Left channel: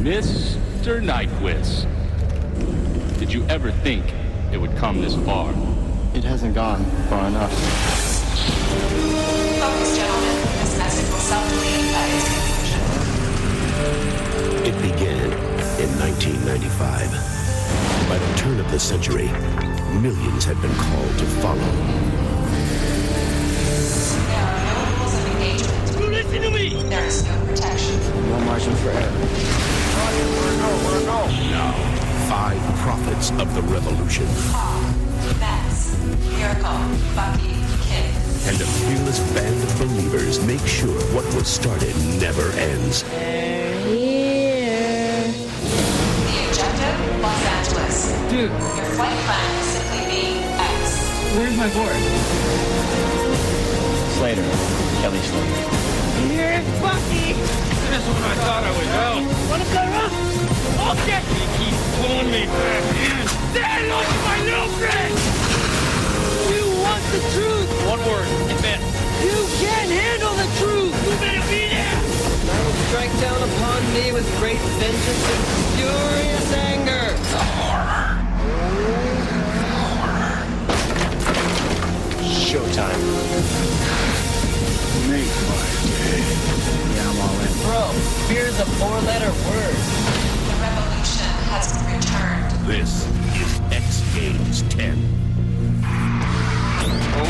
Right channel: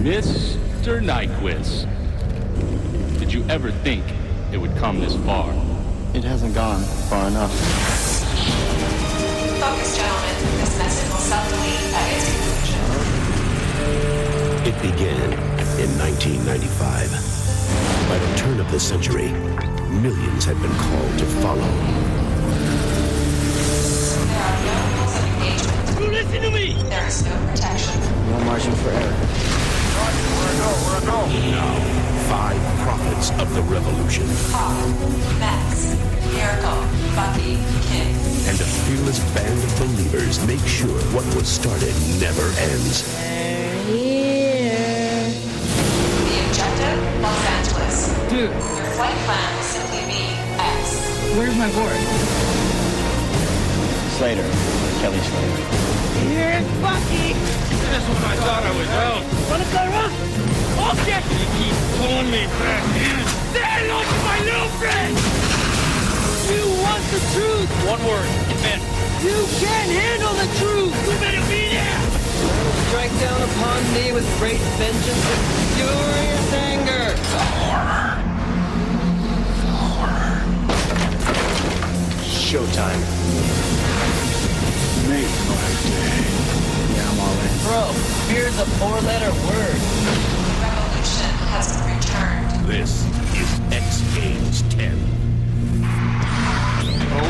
Mr. Nyquist, did you ever think it would come this far? It hasn't gone far enough. Focus, gentlemen. This message will self-delete at its conclusion. It began in 1995. By the turn of the century, millions had been called to follow. There are no rules of engagement. You listen to me! There is no protection. No margin for error. Where to go? Now, 5 prophets of the revolution Hawk, Max, Miracle, Bucky, Kid. and a fearless band of believers make sure what was started never ends. The objective, Los Angeles. Dude, Your flight plan will simply be X. where's my board? Slater. Kelly Slater. Here's Bucky! That's when I thought I was out. Wanna play rough? Okay! You keep pulling me back in. Say hello to my little friend! You want the truth! One word, admit. You can't handle the truth! You better be there! I will strike down upon thee with great vengeance and furious anger! The horror. Showtime. Make my day. Yeah, I'm all in. Bro, fear's a 4-letter word. The revolution has returned. This is X Games 10.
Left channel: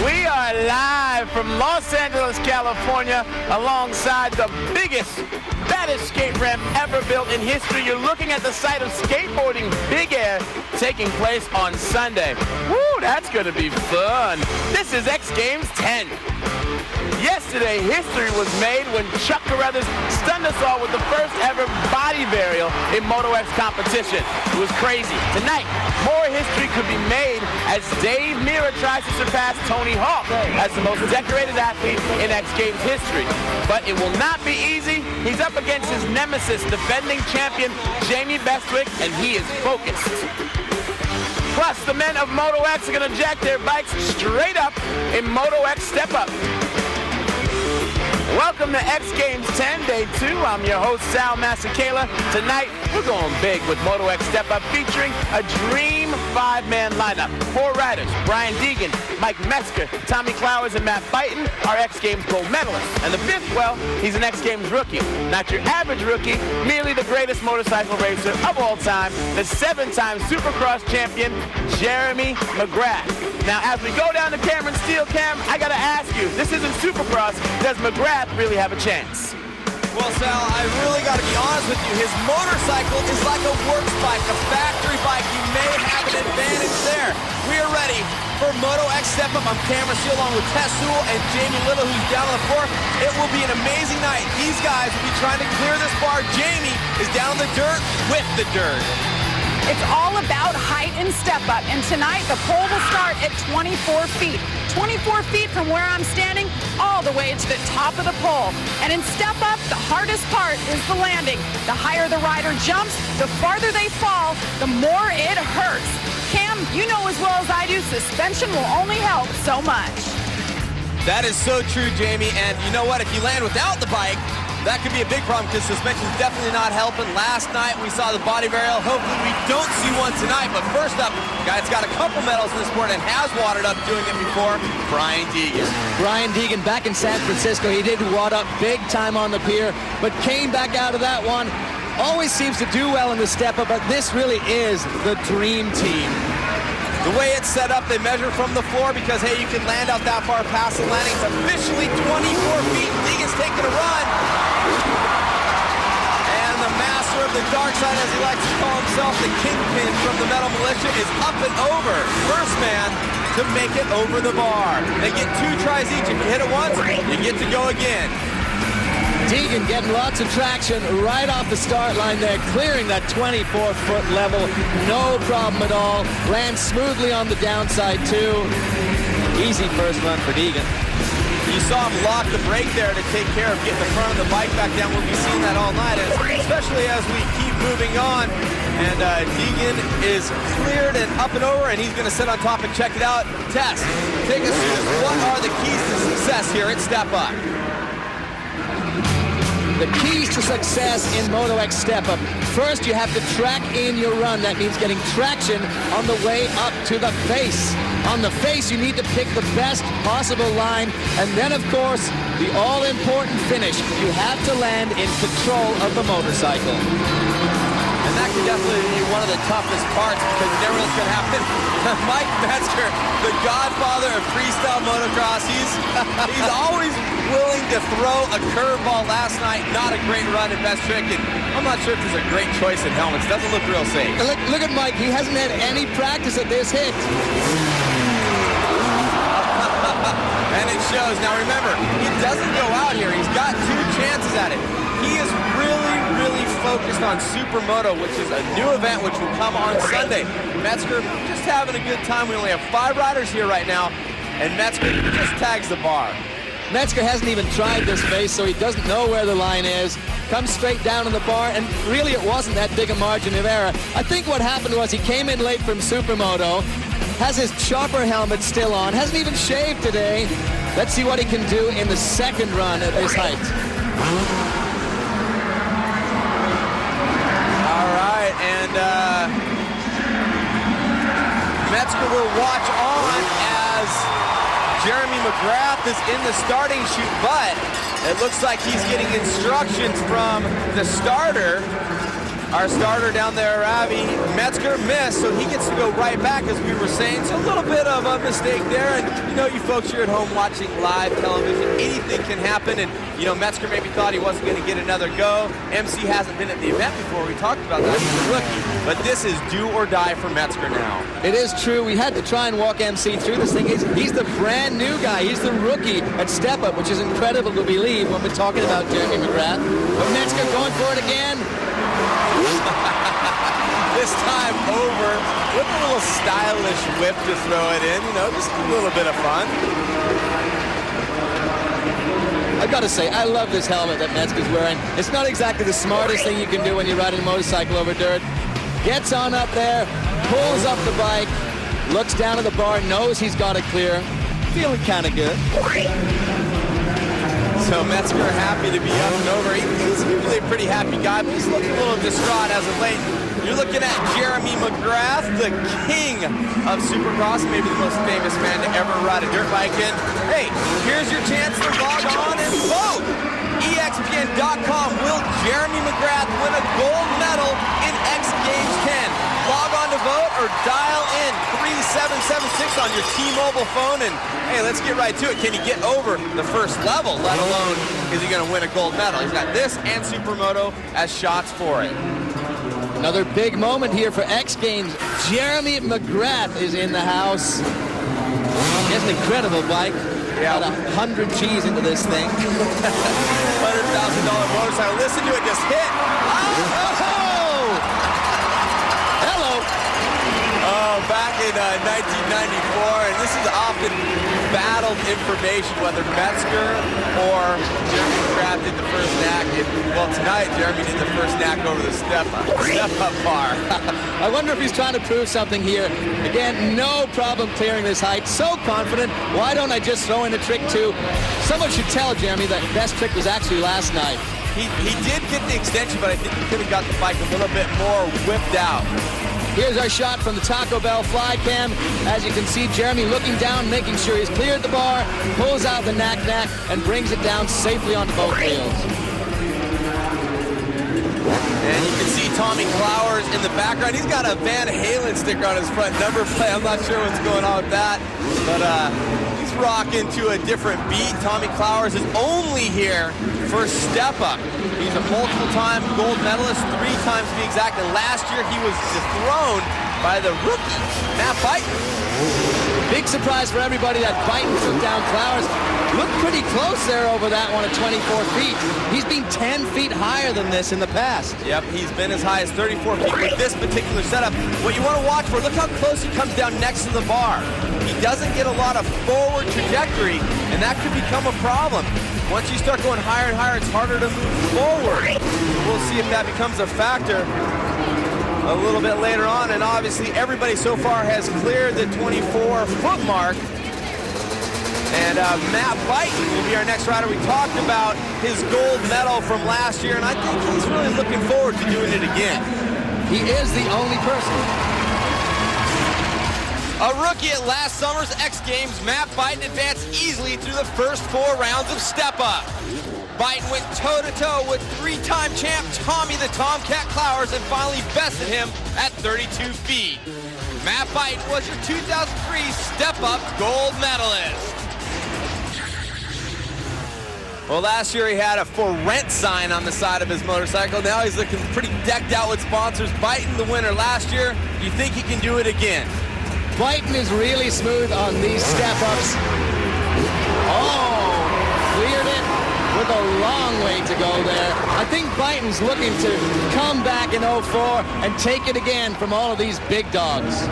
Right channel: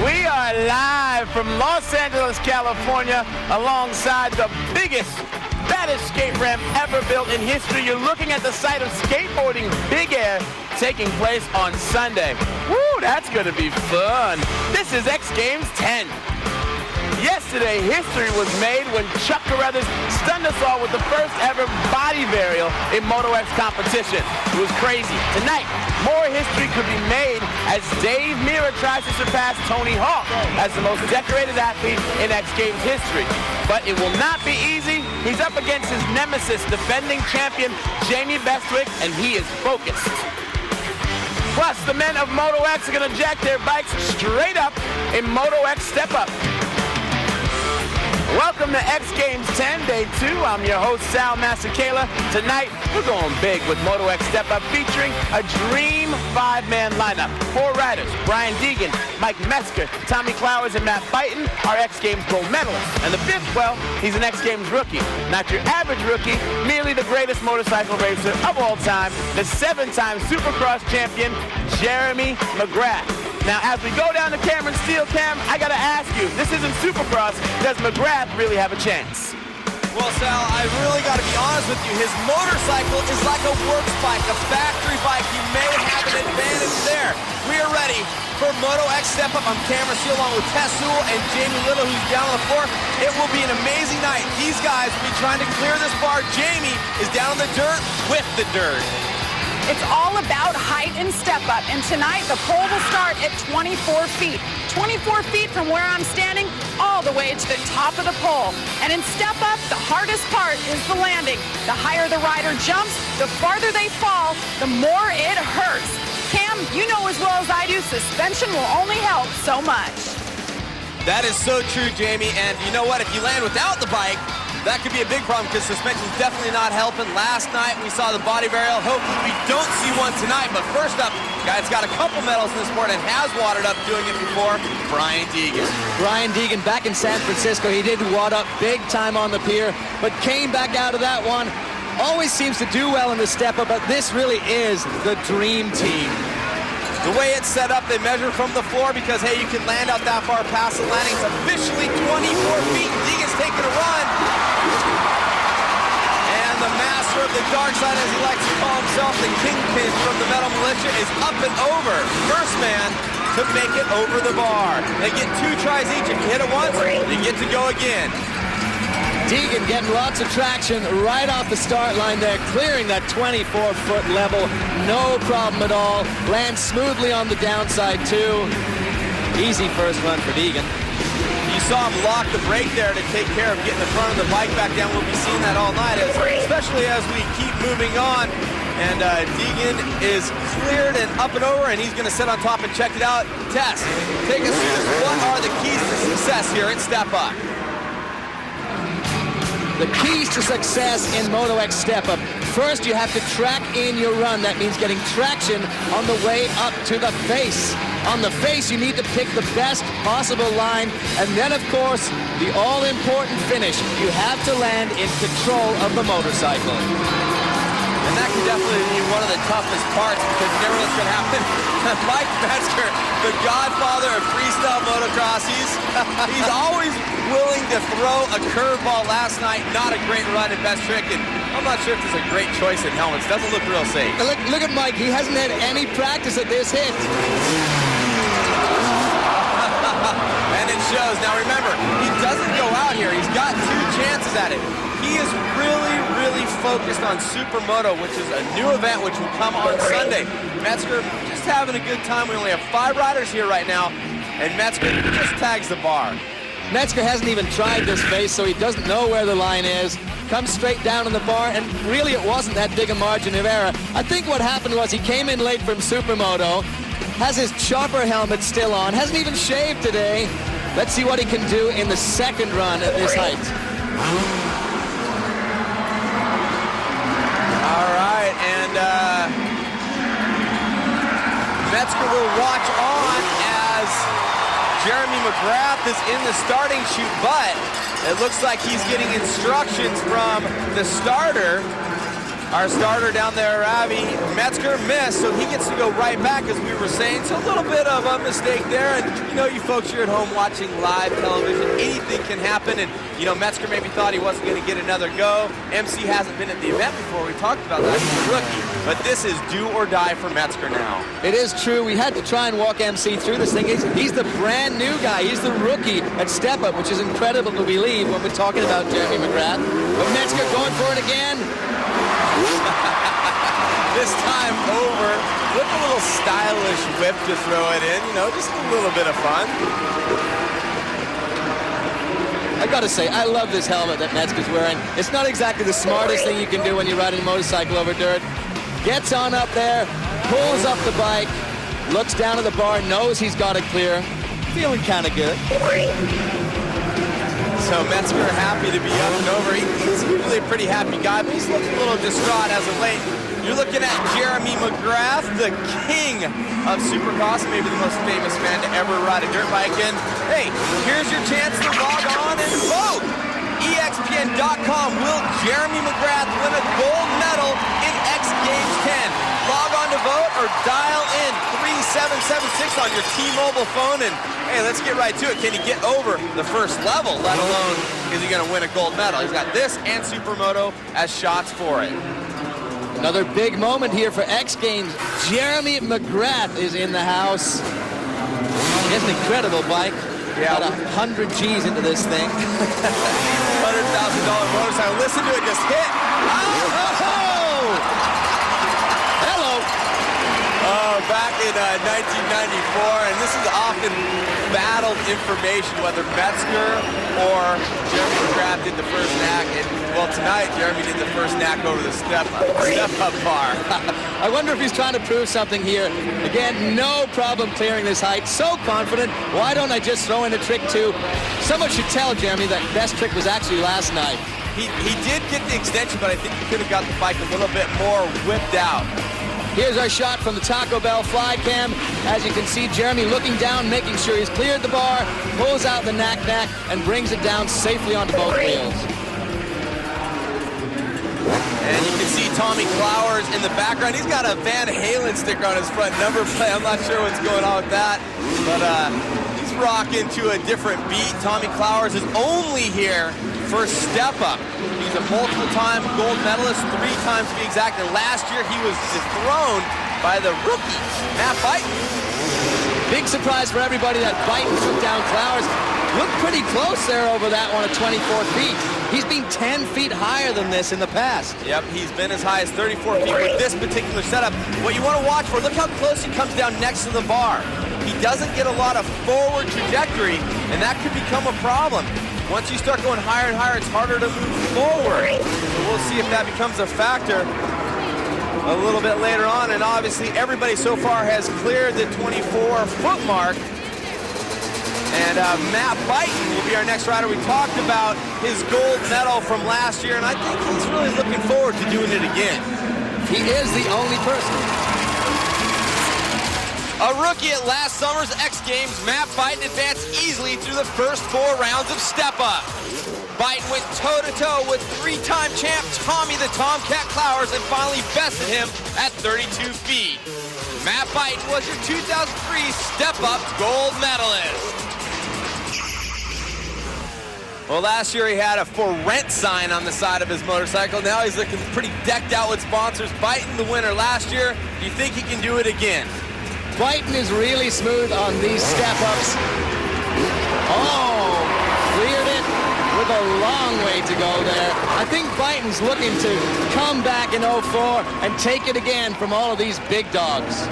We are live from Los Angeles, California, alongside the biggest, baddest skate ramp ever built in history. You're looking at the site of skateboarding Big Air taking place on Sunday. Woo, that's gonna be fun. This is X Games 10. Yesterday, history was made when Chuck Carruthers stunned us all with the first ever body varial in Moto X competition. It was crazy. Tonight, more history could be made as Dave Mirra tries to surpass Tony Hawk as the most decorated athlete in X Games history. But it will not be easy. He's up against his nemesis, defending champion Jamie Bestwick, and he is focused. Plus, the men of Moto X are going to jack their bikes straight up in Moto X Step Up. Welcome to X Games 10, Day 2. I'm your host, Sal Masekela. Tonight, we're going big with Moto X Step Up featuring a dream 5-man lineup. 4 riders, Brian Deegan, Mike Metzger, Tommy Clowers, and Matt Byton are X Games gold medalists. And the 5th, well, he's an X Games rookie. Not your average rookie, merely the greatest motorcycle racer of all time, the 7-time Supercross champion, Jeremy McGrath. Now, as we go down to Cameron Steele, Cam, I gotta ask you, this isn't Supercross. Does McGrath really have a chance? Well, Sal, I really got to be honest with you. His motorcycle is like a works bike, a factory bike. He may have an advantage there. We are ready for Moto X Step Up. I'm Cameron Steele along with Tess Sewell and Jamie Little, who's down on the floor. It will be an amazing night. These guys will be trying to clear this bar. Jamie is down in the dirt with the dirt. It's all about height and step up, and tonight the pole will start at 24 feet. 24 feet from where I'm standing all the way to the top of the pole. And in step up, the hardest part is the landing. The higher the rider jumps, the farther they fall, the more it hurts. Cam, you know as well as I do, suspension will only help so much. That is so true, Jamie, and you know what? If you land without the bike, that could be a big problem because suspension is definitely not helping. Last night we saw the body varial. Hopefully we don't see one tonight. But first up, guy that's got a couple medals in the sport and has wadded up doing it before, Brian Deegan. Brian Deegan back in San Francisco. He did wad up big time on the pier, but came back out of that one. Always seems to do well in the step up, but this really is the dream team. The way it's set up, they measure from the floor because, hey, you can land out that far past the landing. It's officially 24 feet. Deegan's taking a run. And the master of the dark side, as he likes to call himself, the kingpin from the Metal Militia, is up and over. First man to make it over the bar. They get 2 tries each. If you hit it once, you get to go again. Deegan getting lots of traction right off the start line there, clearing that 24-foot level. No problem at all. Lands smoothly on the downside, too. Easy first run for Deegan. You saw him lock the brake there to take care of getting the front of the bike back down. We'll be seeing that all night, especially as we keep moving on. And Deegan is cleared and up and over, and he's going to sit on top and check it out. Tess, take us through this. What are the keys to success here at Step Up? The keys to success in Moto X Step Up. First, you have to track in your run. That means getting traction on the way up to the face. On the face, you need to pick the best possible line. And then, of course, the all-important finish. You have to land in control of the motorcycle. And that could definitely be one of the toughest parts because you never know what's going to happen. Mike Metzger, the godfather of freestyle motocross, he's always willing to throw a curveball. Last night, not a great run at Best Trick, and I'm not sure if there's a great choice in helmets. Doesn't look real safe. Look at Mike. He hasn't had any practice at this hit. And it shows. Now remember, he doesn't go out here. He's got 2 chances at it. He is really, really focused on Supermoto, which is a new event which will come on Sunday. Metzger just having a good time. We only have 5 riders here right now, and Metzger just tags the bar. Metzger hasn't even tried this face, so he doesn't know where the line is. Comes straight down on the bar, and really it wasn't that big a margin of error. I think what happened was he came in late from Supermoto, has his chopper helmet still on, hasn't even shaved today. Let's see what he can do in the second run at this height. All right, and Metzger will watch on as Jeremy McGrath is in the starting chute, but it looks like he's getting instructions from the starter. Our starter down there, Ravi. Metzger missed, so he gets to go right back, as we were saying. So a little bit of a mistake there. And, you know, you folks, you're at home watching live television. Anything can happen. And, you know, Metzger maybe thought he wasn't going to get another go. MC hasn't been at the event before. We talked about that. He's a rookie. But this is do or die for Metzger now. It is true. We had to try and walk MC through this thing. He's the brand new guy. He's the rookie at Step Up, which is incredible to believe when we're talking about Jeremy McGrath. But Metzger going for it again. This time over with a little stylish whip to throw it in, you know, just a little bit of fun. I gotta say, I love this helmet that Metzger's wearing. It's not exactly the smartest thing you can do when you're riding a motorcycle over dirt. Gets on up there, pulls up the bike, looks down at the bar, knows he's got it clear. Feeling kind of good. So Metzger happy to be up and over. He's usually a pretty happy guy, but he's looking a little distraught as of late. You're looking at Jeremy McGrath, the king of Supercross, maybe the most famous man to ever ride a dirt bike. And hey, here's your chance to log on and vote. EXPN.com. Will Jeremy McGrath win a gold medal in X Games 10? Log on to vote or dial in 3776 on your T-Mobile phone, and hey, let's get right to it. Can he get over the first level, let alone is he going to win a gold medal? He's got this and Supermoto as shots for it. Another big moment here for X Games. Jeremy McGrath is in the house. He has an incredible bike. Yeah, about 100 G's into this thing. $100,000 motorcycle. Listen to it just hit. Oh! Hello. Oh, back in 1994, and this is often battled information whether Metzger or Jeremy McGrath did the first knack. And, well, tonight Jeremy did the first knack over the step-up bar. I wonder if he's trying to prove something here. Again, no problem clearing this height. So confident. Why don't I just throw in a trick two? Someone should tell Jeremy that best trick was actually last night. He did get the extension, but I think he could have got the bike a little bit more whipped out. Here's our shot from the Taco Bell fly cam. As you can see, Jeremy looking down, making sure he's cleared the bar, pulls out the knack, and brings it down safely onto both wheels. And you can see Tommy Clowers in the background. He's got a Van Halen sticker on his front number plate. I'm not sure what's going on with that, but he's rocking to a different beat. Tommy Clowers is only here for Step Up. He's a multiple-time gold medalist, 3 times to be exact, and last year he was dethroned by the rookie, Matt Byton. Big surprise for everybody that Byton took down Clowers. Looked pretty close there over that one at 24 feet. He's been 10 feet higher than this in the past. Yep, he's been as high as 34 feet with this particular setup. What you want to watch for, look how close he comes down next to the bar. He doesn't get a lot of forward trajectory, and that could become a problem. Once you start going higher and higher, it's harder to move forward. So we'll see if that becomes a factor a little bit later on. And obviously, everybody so far has cleared the 24-foot mark. And Matt Byton will be our next rider. We talked about his gold medal from last year, and I think he's really looking forward to doing it again. He is the only person. A rookie at last summer's X Games, Matt Byton advanced easily through the first 4 rounds of Step Up. Byton went toe-to-toe with 3-time champ Tommy the Tomcat Clowers and finally bested him at 32 feet. Matt Byton was your 2003 Step Up gold medalist. Well, last year he had a for rent sign on the side of his motorcycle. Now he's looking pretty decked out with sponsors. Byton the winner last year. Do you think he can do it again? Byton is really smooth on these step-ups. Oh, cleared it with a long way to go there. I think Byton's looking to come back in 04 and take it again from all of these big dogs.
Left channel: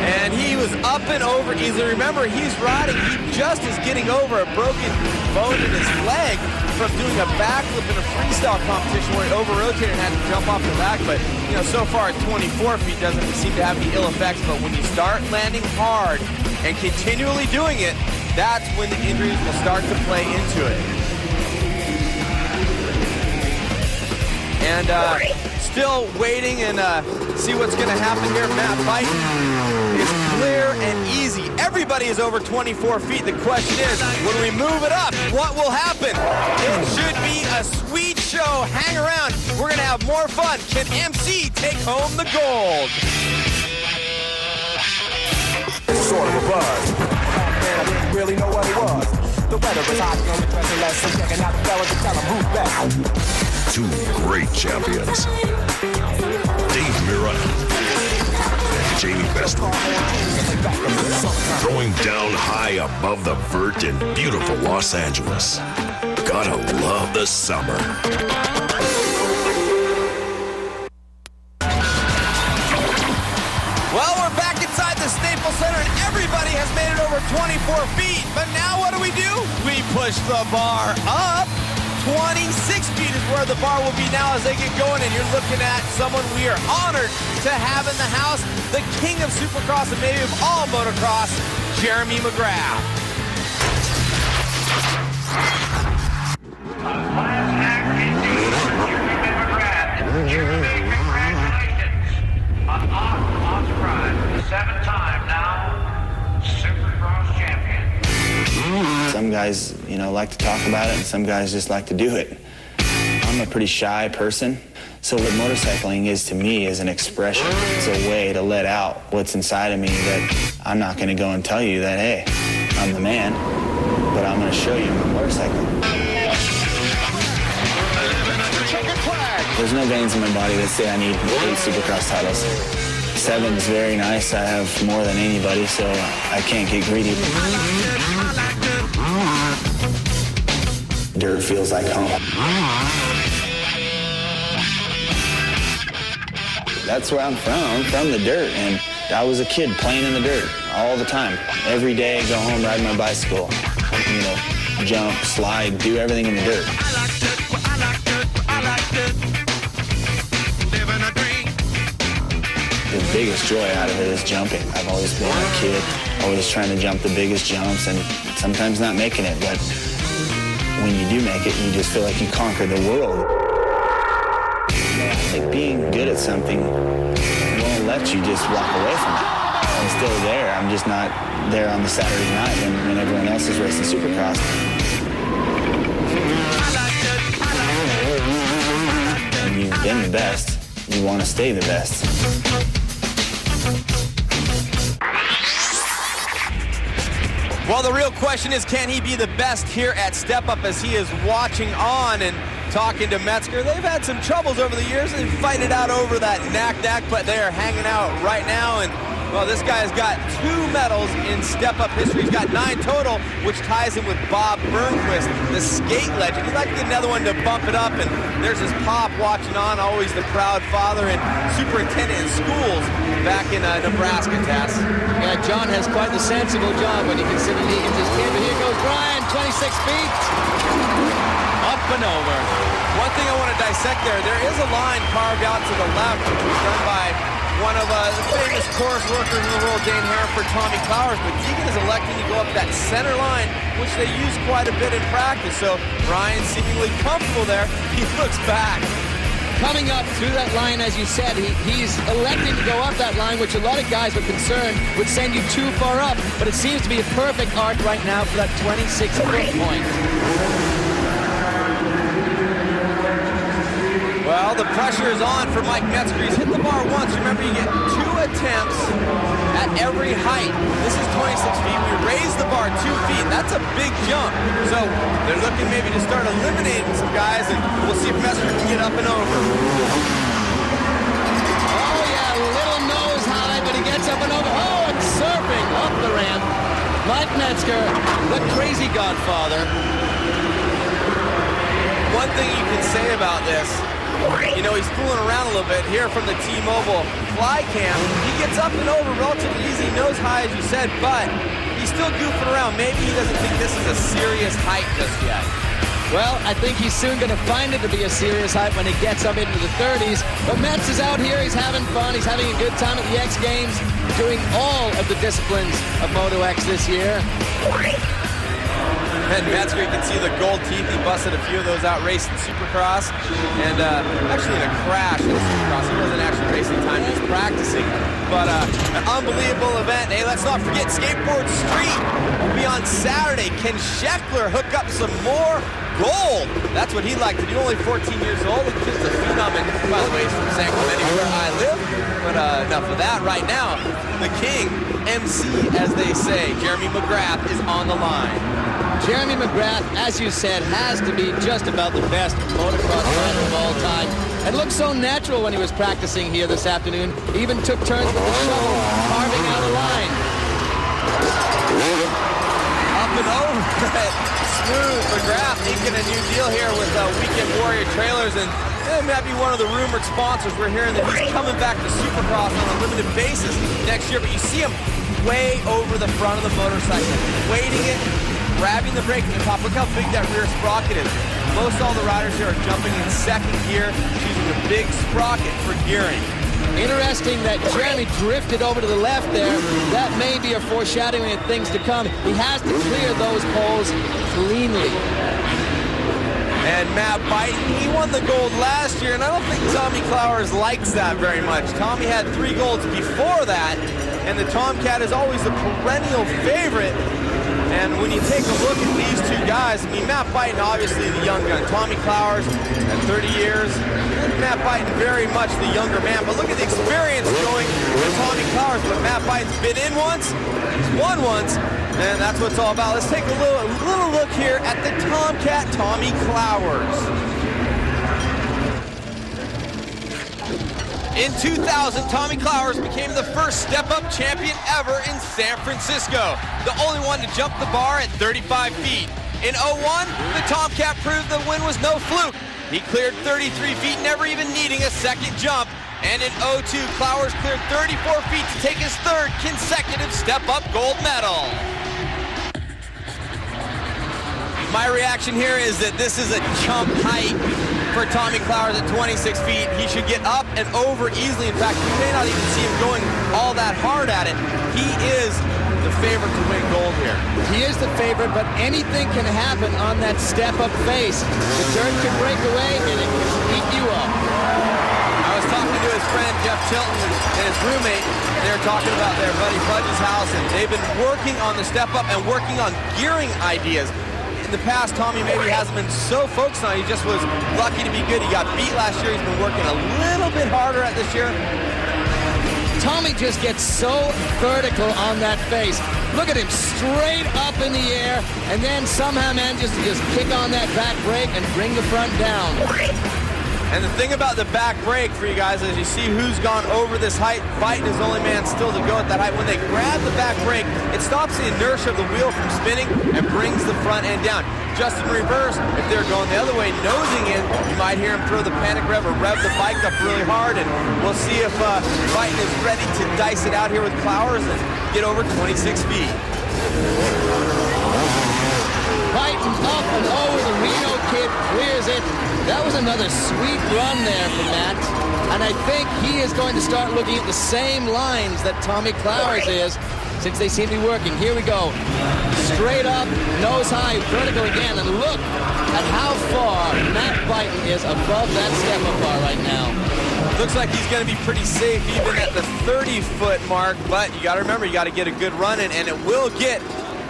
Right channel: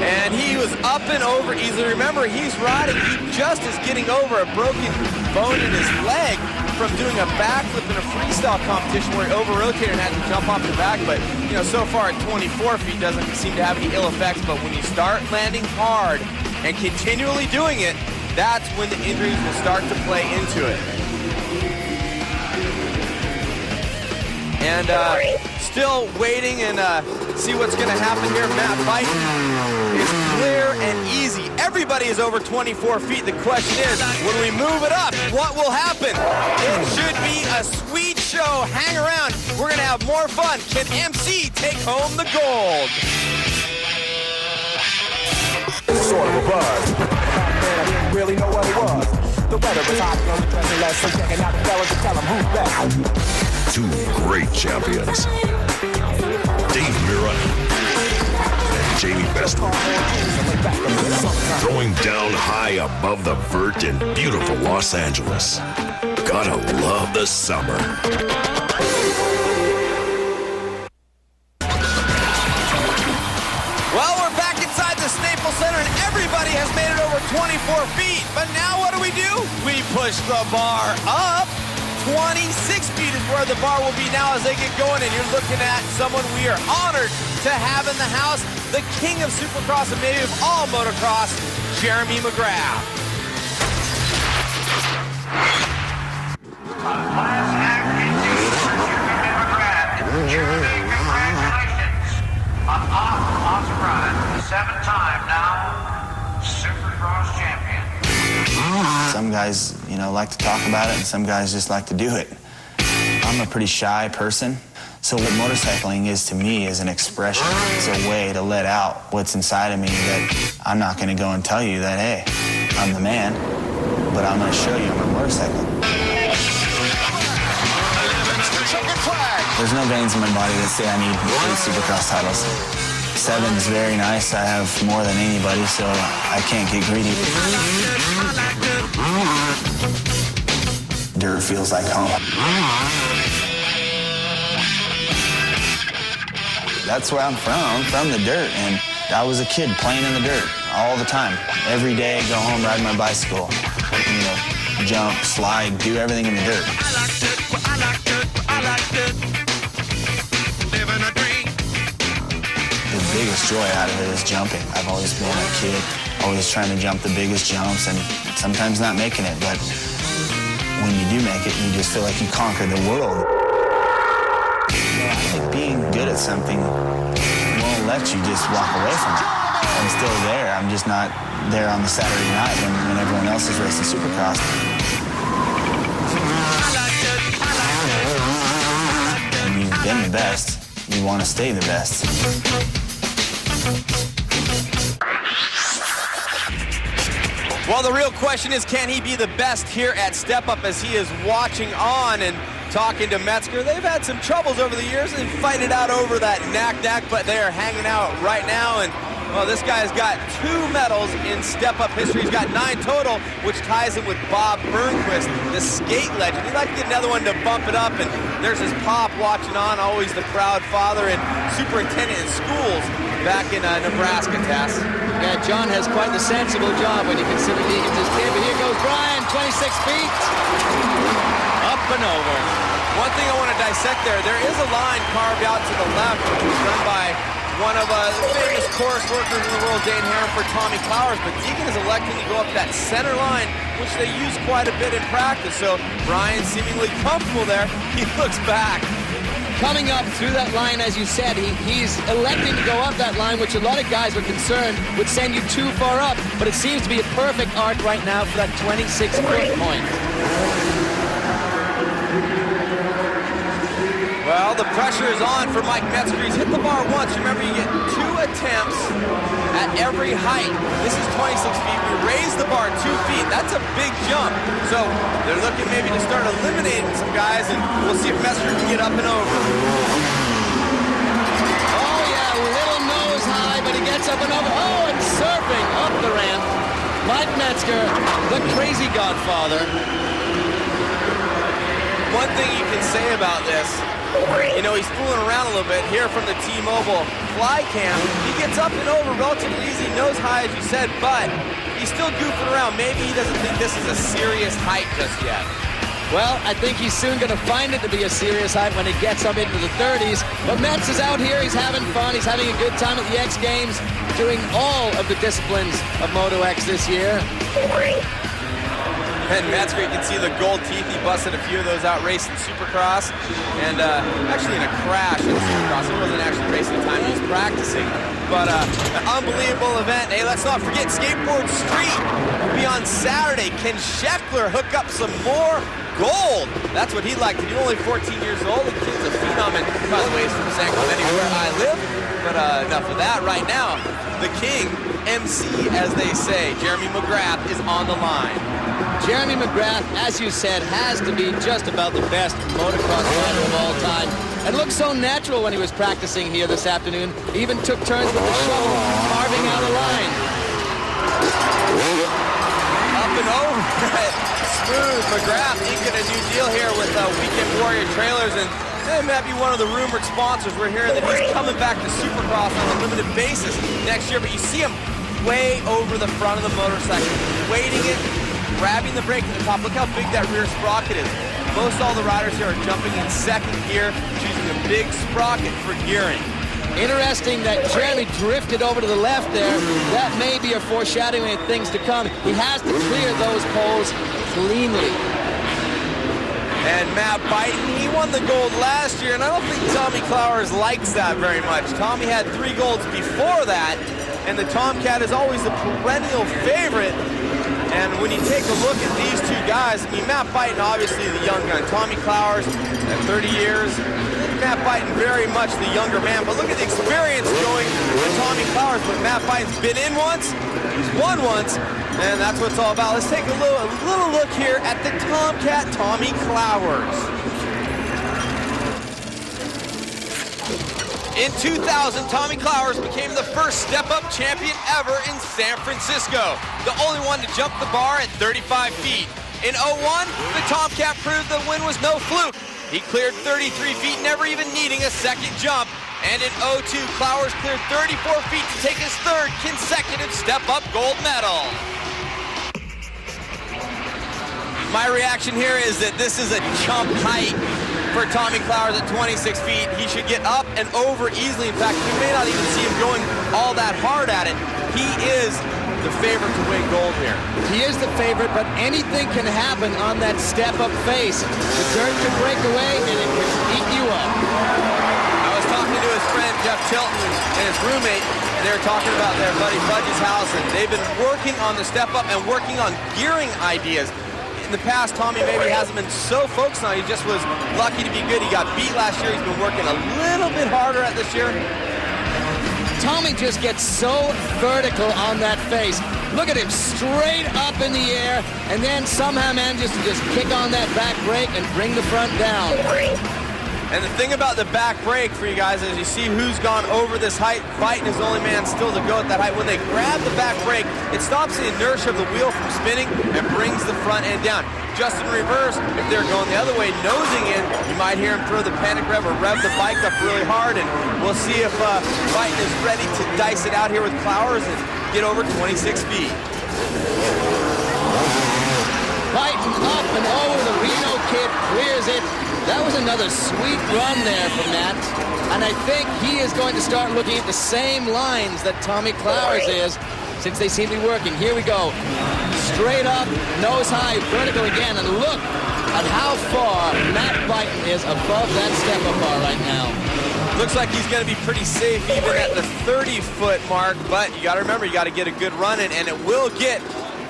And he was up and over easily. Remember, he's riding. He just is getting over a broken bone in his leg from doing a backflip in a freestyle competition where he over-rotated and had to jump off the back. But, you know, so far at 24 feet doesn't seem to have any ill effects. But when you start landing hard and continually doing it, that's when the injuries will start to play into it. And still waiting and see what's going to happen here. Matt Byton is clear and easy. Everybody is over 24 feet. The question is, when we move it up, what will happen? It should be a sweet show. Hang around. We're going to have more fun. Can MC take home the gold? Sort of a buzz. Back then I didn't really know what it was. The weather was hot, the only dressing less, so checking out the fellas to tell them who's best. 2 great champions, Dave Mirra and Jamie Bestwood, throwing down high above the vert in beautiful Los Angeles. Gotta love the summer. Well, we're back inside the Staples Center, and everybody has made it over 24 feet. But now what do? We push the bar up. 26 feet is where the bar will be now as they get going, and you're looking at someone we are honored to have in the house, the king of Supercross and maybe of all motocross, Jeremy McGrath. Last act indeed, Jeremy McGrath. Jeremy, congratulations on awesome ride. 7-time now Supercross champion. Some guys, you know, like to talk about it, and some guys just like to do it. I'm a pretty shy person, so what motorcycling is to me is an expression. It's a way to let out what's inside of me that I'm not going to go and tell you that, hey, I'm the man, but I'm going to show you on my motorcycle. There's no veins in my body that say I need 8 Supercross titles. 7 is very nice. I have more than anybody, so I can't get greedy. Dirt feels like home. That's where I'm from. I'm from the dirt, and I was a kid playing in the dirt all the time. Every day, I go home, ride my bicycle, you know, jump, slide, do everything in the dirt. The biggest joy out of it is jumping. I've always been a kid, always trying to jump the biggest jumps, and sometimes not making it, but when you do make it, you just feel like you conquered the world. You know, I think being good at something won't let you just walk away from it. I'm still there. I'm just not there on the Saturday night when everyone else is racing Supercross. When you've been the best, you want to stay the best. Well, the real question is, can he be the best here at Step Up as he is watching on and talking to Metzger? They've had some troubles over the years and fight it out over that knack, but they are hanging out right now. And, well, this guy has got 2 medals in Step Up history. He's got 9 total, which ties him with Bob Burnquist, the skate legend. He'd like to get another one to bump it up, and there's his pop watching on, always the proud father and superintendent in schools back in Nebraska, Tess. Yeah, John has quite the sensible job when you consider Deegan's his kid. But here goes Brian, 26 feet. Up and over. One thing I want to dissect there is a line carved out to the left, which was done by one of the famous course workers in the world, Dane Herrenford, Tommy Clowers, but Deegan is electing to go up that center line, which they use quite a bit in practice. So Brian seemingly comfortable there. He looks back. Coming up through that line, as you said, he's electing to go up that line, which a lot of guys were concerned would send you too far up, but it seems to be a perfect arc right now for that 26-foot point. Well, the pressure is on for Mike Metzger. He's hit the bar once. Remember, you get 2 attempts at every height. This is 26 feet. We raised the bar 2 feet. That's a big jump. So they're looking maybe to start eliminating some guys, and we'll see if Metzger can get up and over. Oh, yeah, little nose high, but he gets up and over. Oh, and surfing up the ramp. Mike Metzger, the crazy godfather. One thing you can say about this, you know, he's fooling around a little bit here from the T-Mobile fly cam. He gets up and over relatively easy, nose high, as you said, but he's still goofing around. Maybe he doesn't think this is a serious height just yet. Well, I think he's soon going to find it to be a serious height when he gets up into the 30s. But Metz is out here. He's having fun. He's having a good time at the X Games, doing all of the disciplines of Moto X this year. And Metzger, you can see the gold teeth. He busted a few of those out racing Supercross. And actually in a crash in Supercross. He wasn't actually racing time, he was practicing. But an unbelievable event. Hey, let's not forget Skateboard Street will be on Saturday. Can Scheckler hook up some more gold? That's what he'd like to do. Only 14 years old. The kid's a phenom. And by the way, he's from San Clemente, where I live. But enough of that. Right now, the king, MC, as they say, Jeremy McGrath, is on the line. Jeremy McGrath, as you said, has to be just about the best motocross rider of all time. And looked so natural when he was practicing here this afternoon. He even took turns with the shovel, carving out a line. Up and over it. Smooth. McGrath inking a new deal here with Weekend Warrior Trailers. And it might be one of the rumored sponsors. We're hearing that he's coming back to Supercross on a limited basis next year. But you see him way over the front of the motorcycle, weighting it, grabbing the brake at the top. Look how big that rear sprocket is. Most all the riders here are jumping in second gear, choosing a big sprocket for gearing. Interesting that Jeremy drifted over to the left there. That may be a foreshadowing of things to come. He has to clear those poles cleanly. And Matt Byton, he won the gold last year, and I don't think Tommy Clowers likes that very much. Tommy had 3 golds before that, and the Tomcat is always the perennial favorite. And when you take a look at these 2 guys, I mean, Matt Byton, obviously the young gun. Tommy Clowers at 30 years. And Matt Byton, very much the younger man. But look at the experience going with Tommy Clowers. But Matt Byton's been in once, he's won once, and that's what it's all about. Let's take a little look here at the Tomcat, Tommy Clowers. In 2000, Tommy Clowers became the first step-up champion ever in San Francisco, the only one to jump the bar at 35 feet. In 01, the Tomcat proved the win was no fluke. He cleared 33 feet, never even needing a second jump. And in 02, Clowers cleared 34 feet to take his 3rd consecutive step-up gold medal. My reaction here is that this is a jump height for Tommy Clowers at 26 feet. He should get up and over easily. In fact, you may not even see him going all that hard at it. He is the favorite to win gold here. He is the favorite, but anything can happen on that step-up face. The dirt could break away, and it could eat you up. I was talking to his friend Jeff Tilton and his roommate, and they were talking about their buddy Fudge's house, and they've been working on the step-up and working on gearing ideas. In the past, Tommy maybe hasn't been so focused on it. He just was lucky to be good. He got beat last year. He's been working a little bit harder at this year. Tommy just gets so vertical on that face. Look at him, straight up in the air, and then somehow manages to just kick on that back brake and bring the front down. And the thing about the back brake for you guys is you see who's gone over this height. Byton is the only man still to go at that height. When they grab the back brake, it stops the inertia of the wheel from spinning and brings the front end down. Just in reverse, if they're going the other way, nosing in, you might hear him throw the panic rev or rev the bike up really hard, and we'll see if Byton is ready to dice it out here with Clowers and get over 26 feet. Byton up and over, the Reno kid clears it. That was another sweet run there for Matt. And I think he is going to start looking at the same lines that Tommy Clowers is, since they seem to be working. Here we go. Straight up, nose high, vertical again, and look at how far Matt Byton is above that step-up bar right now. Looks like he's going to be pretty safe even at the 30-foot mark, but you got to remember, you got to get a good run in, and it will get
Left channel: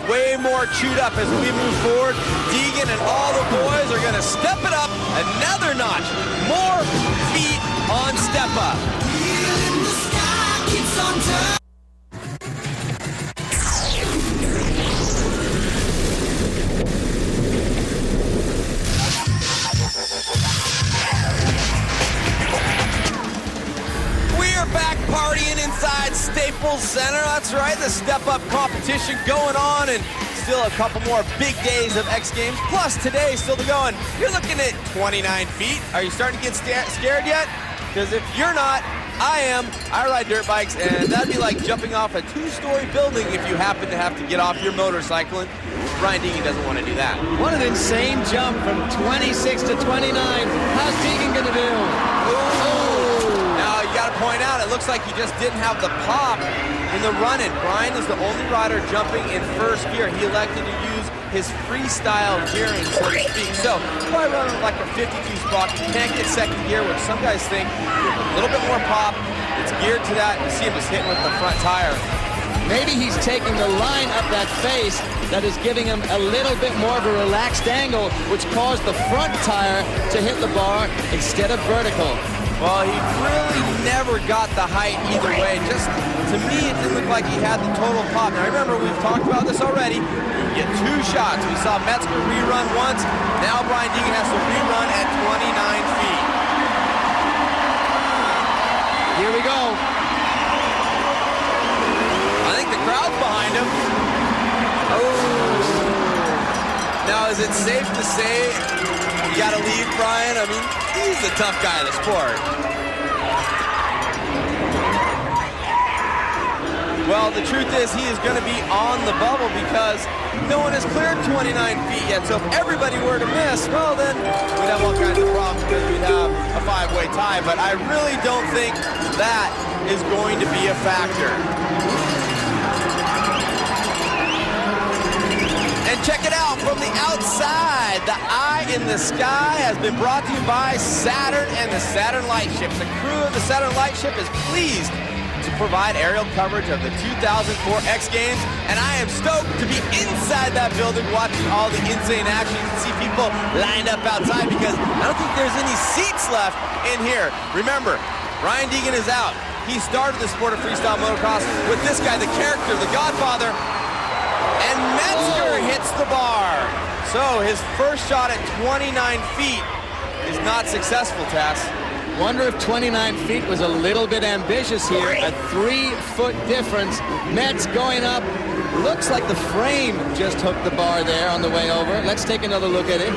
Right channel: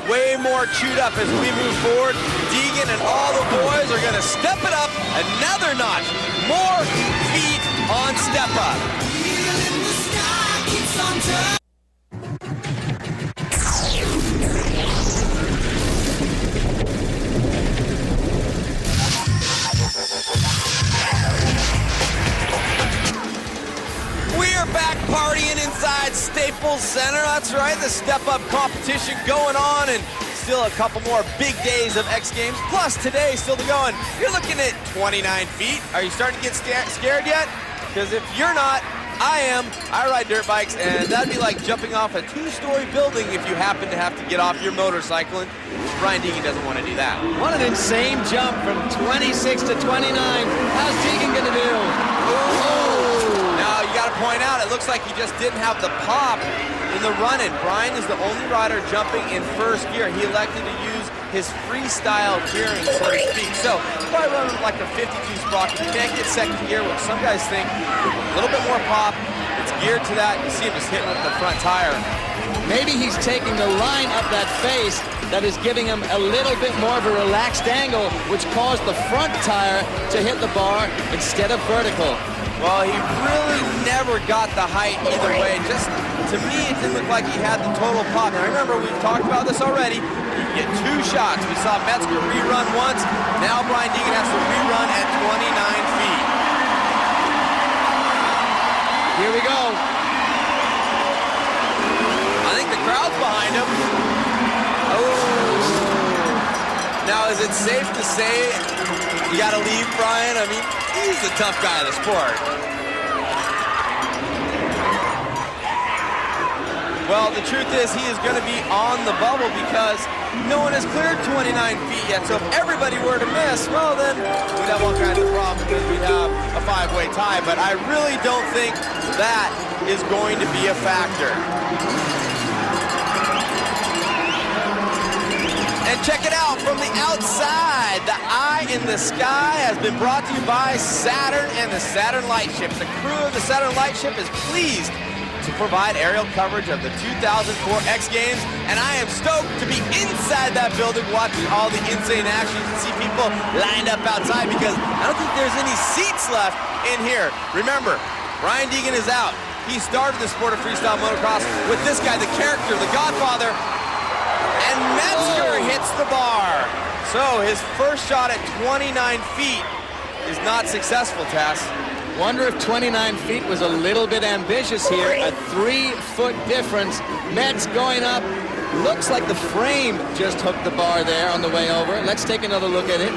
way more chewed up as we move forward. Deegan and all the boys are going to step it up another notch. More feet on step up. We are back partying inside Staples Center. That's right, the step-up competition going on, and still a couple more big days of X Games, plus today still to go. And you're looking at 29 feet. Are you starting to get scared yet? Because if you're not, I am. I ride dirt bikes, and that'd be like jumping off a 2-story building if you happen to have to get off your motorcycle. And Brian Deegan doesn't want to do that. What an insane jump from 26 to 29. How's Deegan going to do? Ooh. Now, you got to point out, it looks like he just didn't have the pop in the run-in. Brian is the only rider jumping in first gear. He elected to use his freestyle gearing, so to speak. So, probably running like a 52 sprocket. Can't get second gear, which some guys think you have a little bit more pop. It's geared to that. You see him just hitting with the front tire. Maybe he's taking the line up that face that is giving him a little bit more of a relaxed angle, which caused the front tire to hit the bar instead of vertical. Well, he really never got the height either way. Just, to me, it didn't look like he had the total pop. Now, remember, we've talked about this already. You get 2 shots. We saw Metzger rerun once. Now Brian Deegan has to rerun at 29 feet. Here we go. I think the crowd's behind him. Oh. Now, is it safe to say you got to leave, Brian? I mean, he's the tough guy of the sport. Well, the truth is he is going to be on the bubble because no one has cleared 29 feet yet. So if everybody were to miss, well, then we'd have all kinds of problems because we'd have a 5-way tie. But I really don't think that is going to be a factor. And check it out from the outside. The eye in the sky has been brought to you by Saturn and the Saturn Lightship. The crew of the Saturn Lightship is pleased to provide aerial coverage of the 2004 X Games, and I am stoked to be inside that building watching all the insane action. You can see people lined up outside because I don't think there's any seats left in here. Remember, Brian Deegan is out. He started the sport of freestyle motocross with this guy, the character, the Godfather, and Metzger hits the bar. So his first shot at 29 feet is not successful, Tess. Wonder if 29 feet was a little bit ambitious here. A 3-foot difference. Metz going up. Looks like the frame just hooked the bar there on the way over. Let's take another look at it.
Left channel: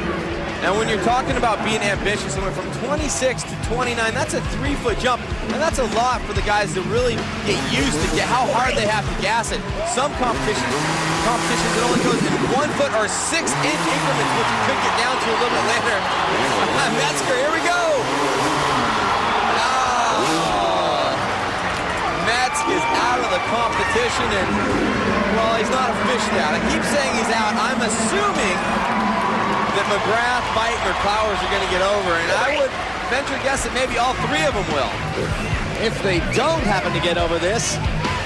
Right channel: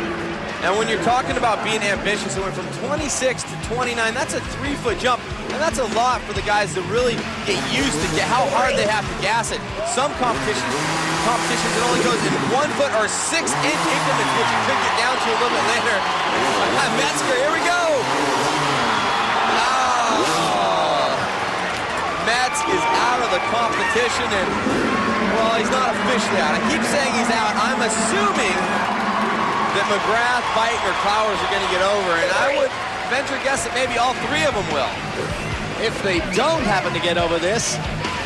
And when you're talking about being ambitious, it went from 26 to 29. That's a 3-foot jump, and that's a lot for the guys to really get used to how hard they have to gas it. Some competitions it only goes in 1-foot or 6-inch increments, which you could get down to a little bit later. Metzger, here we go. Metz is out of the competition, and, well, he's not officially out. I keep saying he's out. I'm assuming that McGrath, Byton, or Clowers are going to get over, and I would venture a guess that maybe all 3 of them will. If they don't happen to get over this,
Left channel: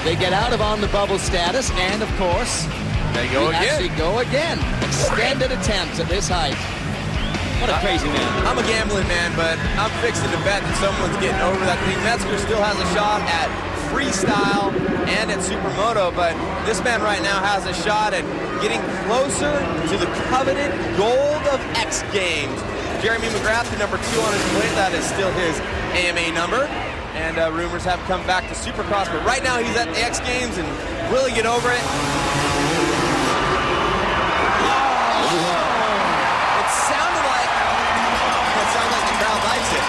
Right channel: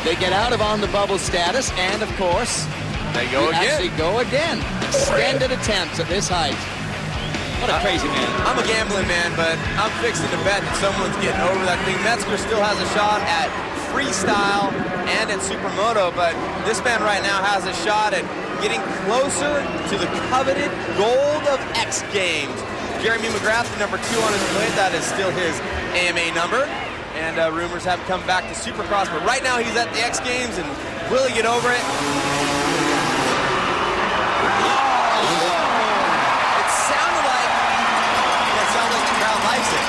they get out of on the bubble status, and, of course, they go again. Actually go again. Extended attempts at this height. What a crazy man. I'm a gambling man, but I'm fixing to bet that someone's getting over that thing. Metzger still has a shot at freestyle and at supermoto, but this man right now has a shot at getting closer to the coveted gold of X Games. Jeremy McGrath, the number 2 on his plate, that is still his AMA number, and rumors have him come back to Supercross, but right now he's at the X Games, and will he get over it? It sounds like the crowd likes it.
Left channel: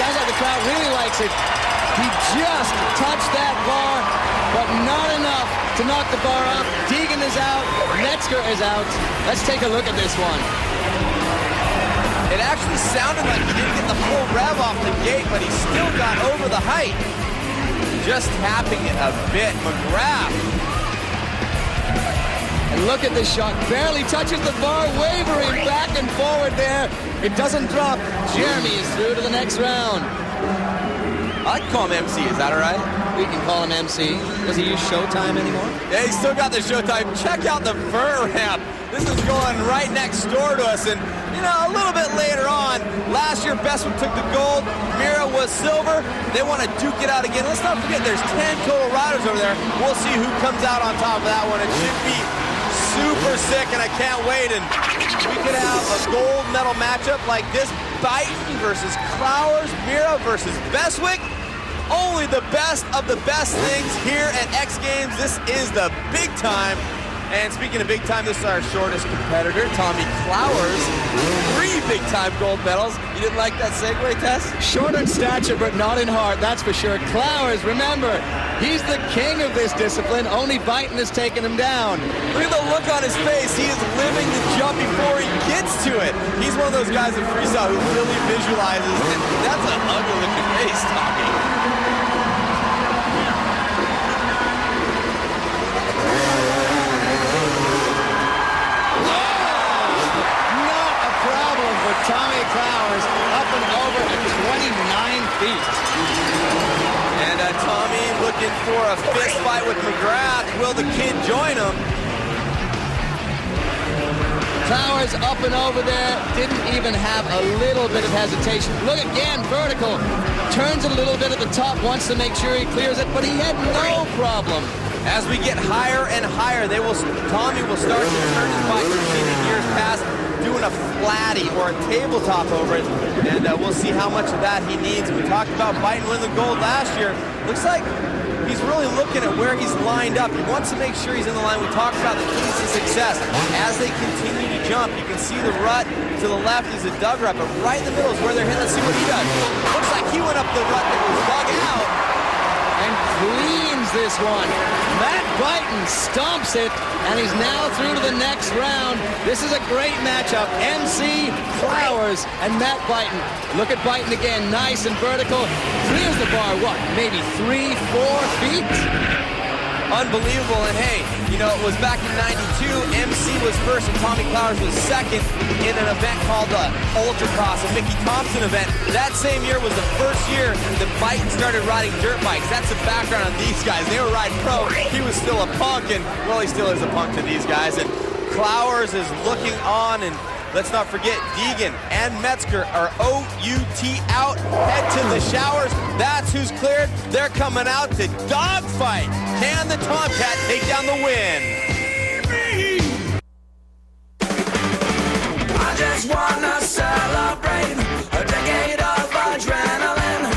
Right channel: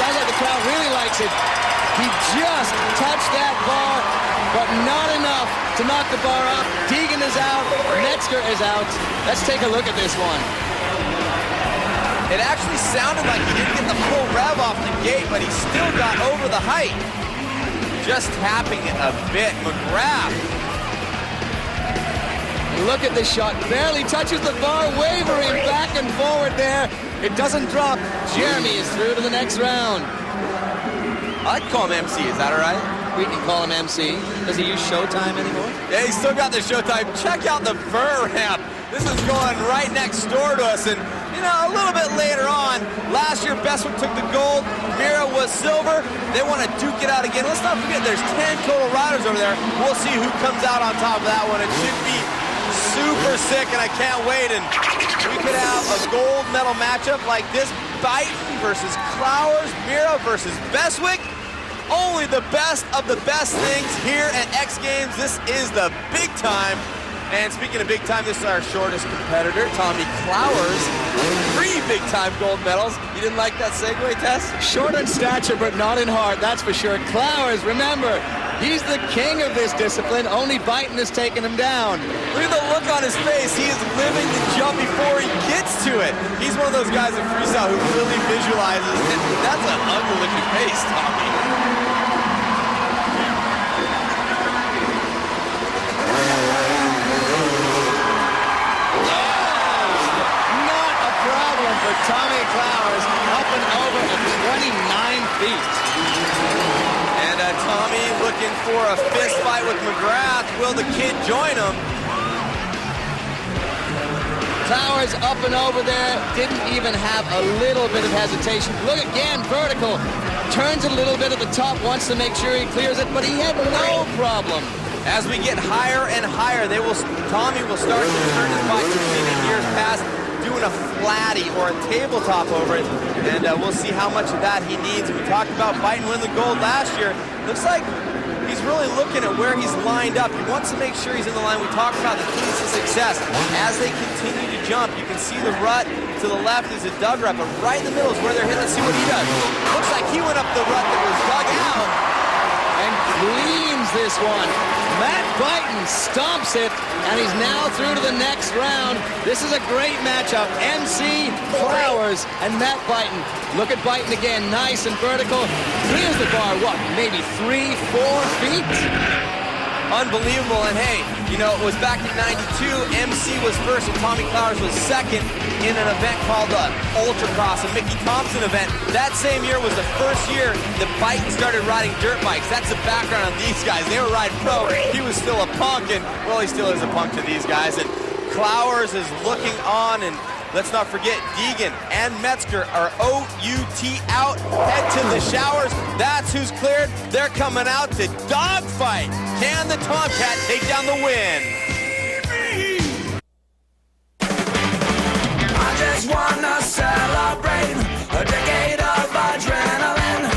Sounds like the crowd really likes it. He just touched that bar, but not enough to knock the bar off. Deegan is out. Metzger is out. Let's take a look at this one. It actually sounded like he didn't get the full rev off the gate, but he still got over the height. Just tapping it a bit. McGrath. And look at this shot. Barely touches the bar, wavering back and forward there. It doesn't drop. Jeremy is through to the next round. I like to call him MC, is that all right? We can call him MC. Does he use Showtime anymore? Yeah, he's still got the Showtime. Check out the vert ramp. This is going right next door to us. And, you know, a little bit later on, last year Bestwick took the gold. Mira was silver. They want to duke it out again. Let's not forget there's 10 total riders over there. We'll see who comes out on top of that one. It should be super sick, and I can't wait. And we could have a gold medal matchup like this. Byton versus Clowers, Mira versus Bestwick. Only the best of the best things here at X Games. This is the big time. And speaking of big time, this is our shortest competitor, Tommy Clowers. 3 big-time gold medals. You didn't like that segue, Tess? Short in stature, but not in heart, that's for sure. Clowers, remember, he's the king of this discipline. Only Byton has taken him down. Look at the look on his face. He is living the jump before he gets to it. He's one of those guys in freestyle who really visualizes, and that's an ugly-looking face, Tommy. Problem for Tommy Clowers, up and over at 29 feet. And Tommy looking for a fist fight with McGrath. Will the kid join him? Clowers up and over there, didn't even have a little bit of hesitation. Look again, vertical. Turns it a little bit at the top, wants to make sure he clears it, but he had no problem. As we get higher and higher, Tommy will start to turn his bike. We've seen in years past, doing a flatty or a tabletop over it, and we'll see how much of that he needs. And we talked about Byton winning the gold last year. Looks like he's really looking at where he's lined up. He wants to make sure he's in the line. We talked about the keys to success. As they continue to jump, you can see the rut to the left is a dug rut, but right in the middle is where they're hitting. Let's see what he does. Looks like he went up the rut that was dug out. And cleans this one. Matt Byton stomps it, and he's now through to the next round. This is a great matchup. MC Clowers and Matt Byton. Look at Byton again, nice and vertical. Clears the bar, what, maybe 3-4 feet? Unbelievable, and hey, you know, it was back in '92, MC was first and Tommy Clowers was second in an event called the Ultracross, a Mickey Thompson event. That same year was the first year that Byton started riding dirt bikes. That's the background on these guys. They were riding pro. He was still a punk, and, well, he still is a punk to these guys. And Clowers is looking on, and let's not forget, Deegan and Metzger are OUT out. Head to the showers. That's who's cleared. They're coming out to dogfight. Can the Tomcat take down the win? I just wanna celebrate a decade of adrenaline.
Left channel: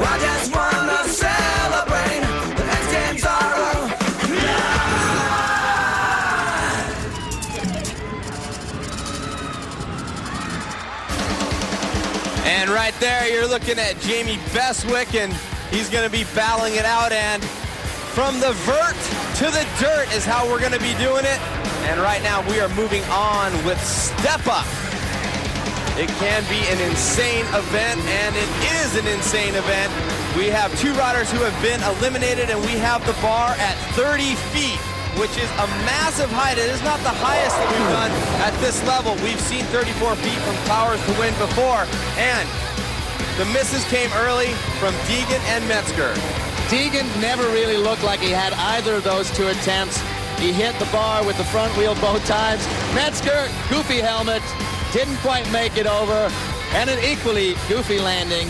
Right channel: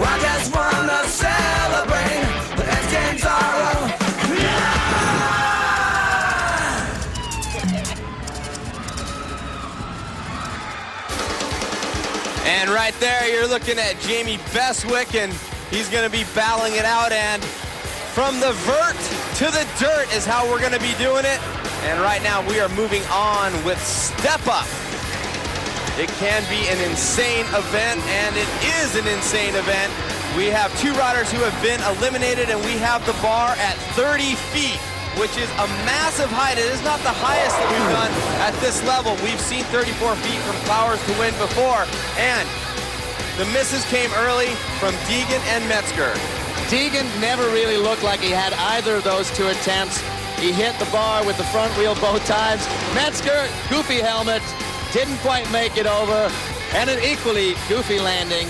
I just wanna celebrate the X Games are And right there, you're looking at Jamie Bestwick, and he's going to be battling it out. And from the vert to the dirt is how we're going to be doing it. And right now, we are moving on with Step Up. It can be an insane event, and it is an insane event. We have 2 riders who have been eliminated, and we have the bar at 30 feet, which is a massive height. It is not the highest that we've done at this level. We've seen 34 feet from Clowers to win before, and the misses came early from Deegan and Metzger. Deegan never really looked like he had either of those 2 attempts. He hit the bar with the front wheel both times. Metzger, goofy helmet, didn't quite make it over, and an equally goofy landing.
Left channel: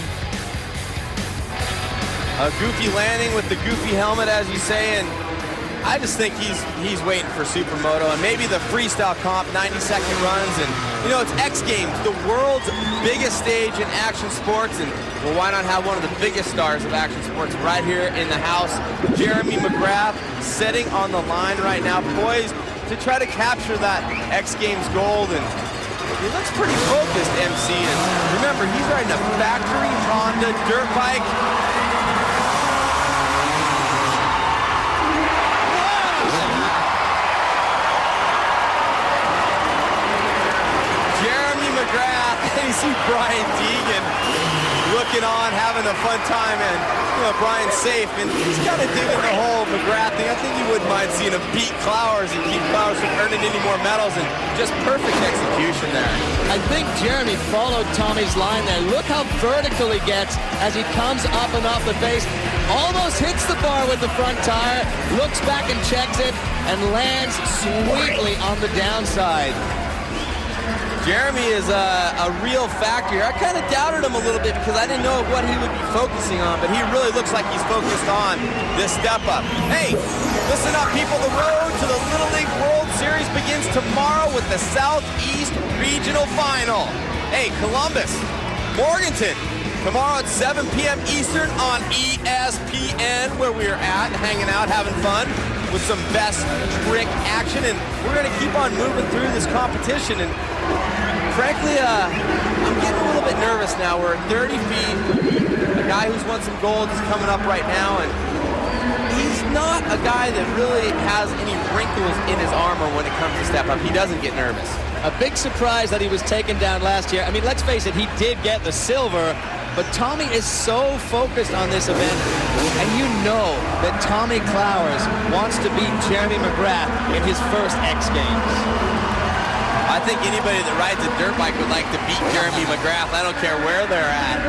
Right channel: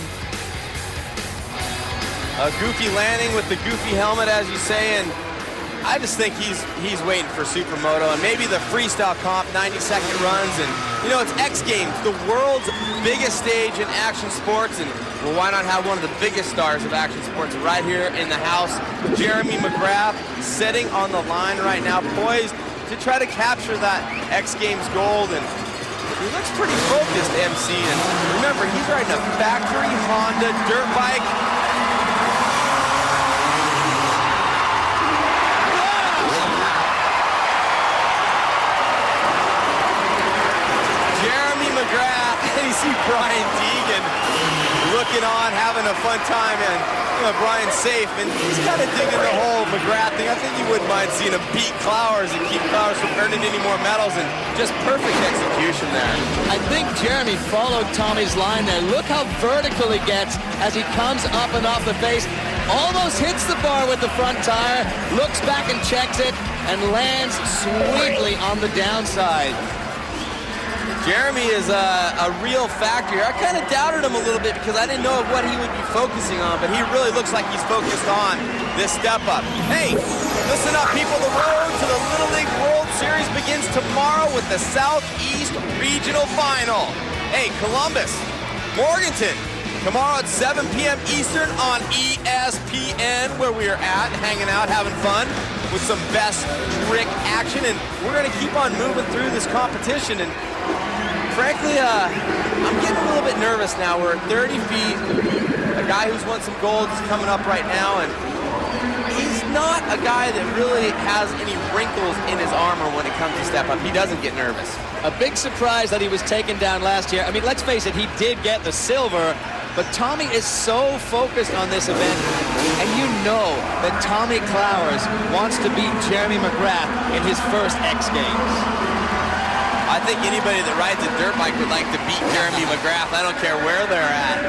A goofy landing with the goofy helmet, as you say, and I just think he's waiting for Supermoto and maybe the freestyle comp, 90-second runs. And, you know, it's X Games, the world's biggest stage in action sports. And, well, why not have one of the biggest stars of action sports right here in the house? Jeremy McGrath sitting on the line right now, poised to try to capture that X Games gold. And he looks pretty focused, MC. And remember, he's riding a factory Honda dirt bike. Jeremy McGrath, and you see Brian Deegan looking on, having a fun time, and you know, Brian's safe, and he's kind of digging the whole McGrath thing. I think he wouldn't mind seeing him beat Clowers and keep Clowers from earning any more medals, and just perfect execution there. I think Jeremy followed Tommy's line there. Look how vertical he gets as he comes up and off the face. Almost hits the bar with the front tire, looks back and checks it, and lands sweetly on the downside. Jeremy is a real factor here. I kind of doubted him a little bit because I didn't know what he would be focusing on, but he really looks like he's focused on this step up. Hey, listen up, people. The road to the Little League World Series begins tomorrow with the Southeast Regional Final. Hey, Columbus, Morganton, tomorrow at 7 p.m. Eastern on ESPN, where we are at, hanging out, having fun with some best trick action, and we're going to keep on moving through this competition. And frankly, I'm getting a little bit nervous now. We're 30 feet. A guy who's won some gold is coming up right now, and he's not a guy that really has any wrinkles in his armor when it comes to step up. He doesn't get nervous. A big surprise that he was taken down last year. I mean, let's face it, he did get the silver, but Tommy is so focused on this event, and you know that Tommy Clowers wants to beat Jeremy McGrath in his first X Games. I think anybody that rides a dirt bike would like to beat Jeremy McGrath. I don't care where they're at.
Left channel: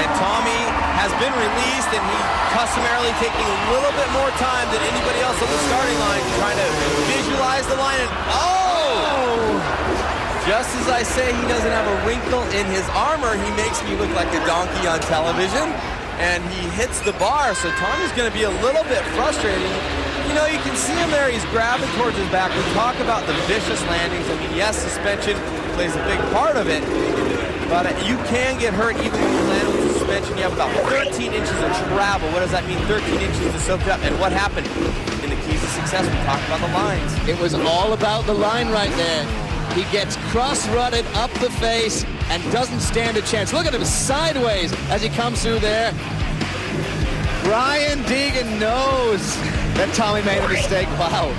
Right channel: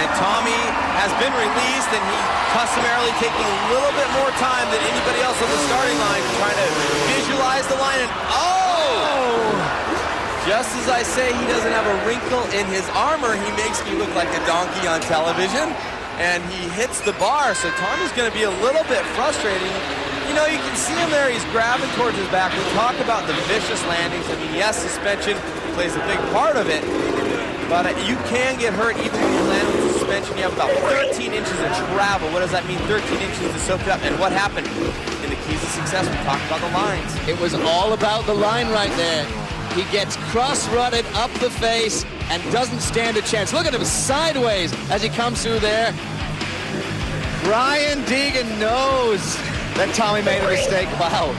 And Tommy has been released, and he's customarily taking a little bit more time than anybody else on the starting line, trying to visualize the line. And just as I say he doesn't have a wrinkle in his armor, he makes me look like a donkey on television, and he hits the bar. So Tommy's going to be a little bit frustrating. You know, you can see him there. He's grabbing towards his back. We talk about the vicious landings. I mean, yes, suspension plays a big part of it, but you can get hurt even when you're landing with suspension. You have about 13 inches of travel. What does that mean, 13 inches to soak up? And what happened in the keys of success? We talked about the lines. It was all about the line right there. He gets cross-rutted up the face and doesn't stand a chance. Look at him sideways as he comes through there. Brian Deegan knows that Tommy made a mistake. Wow.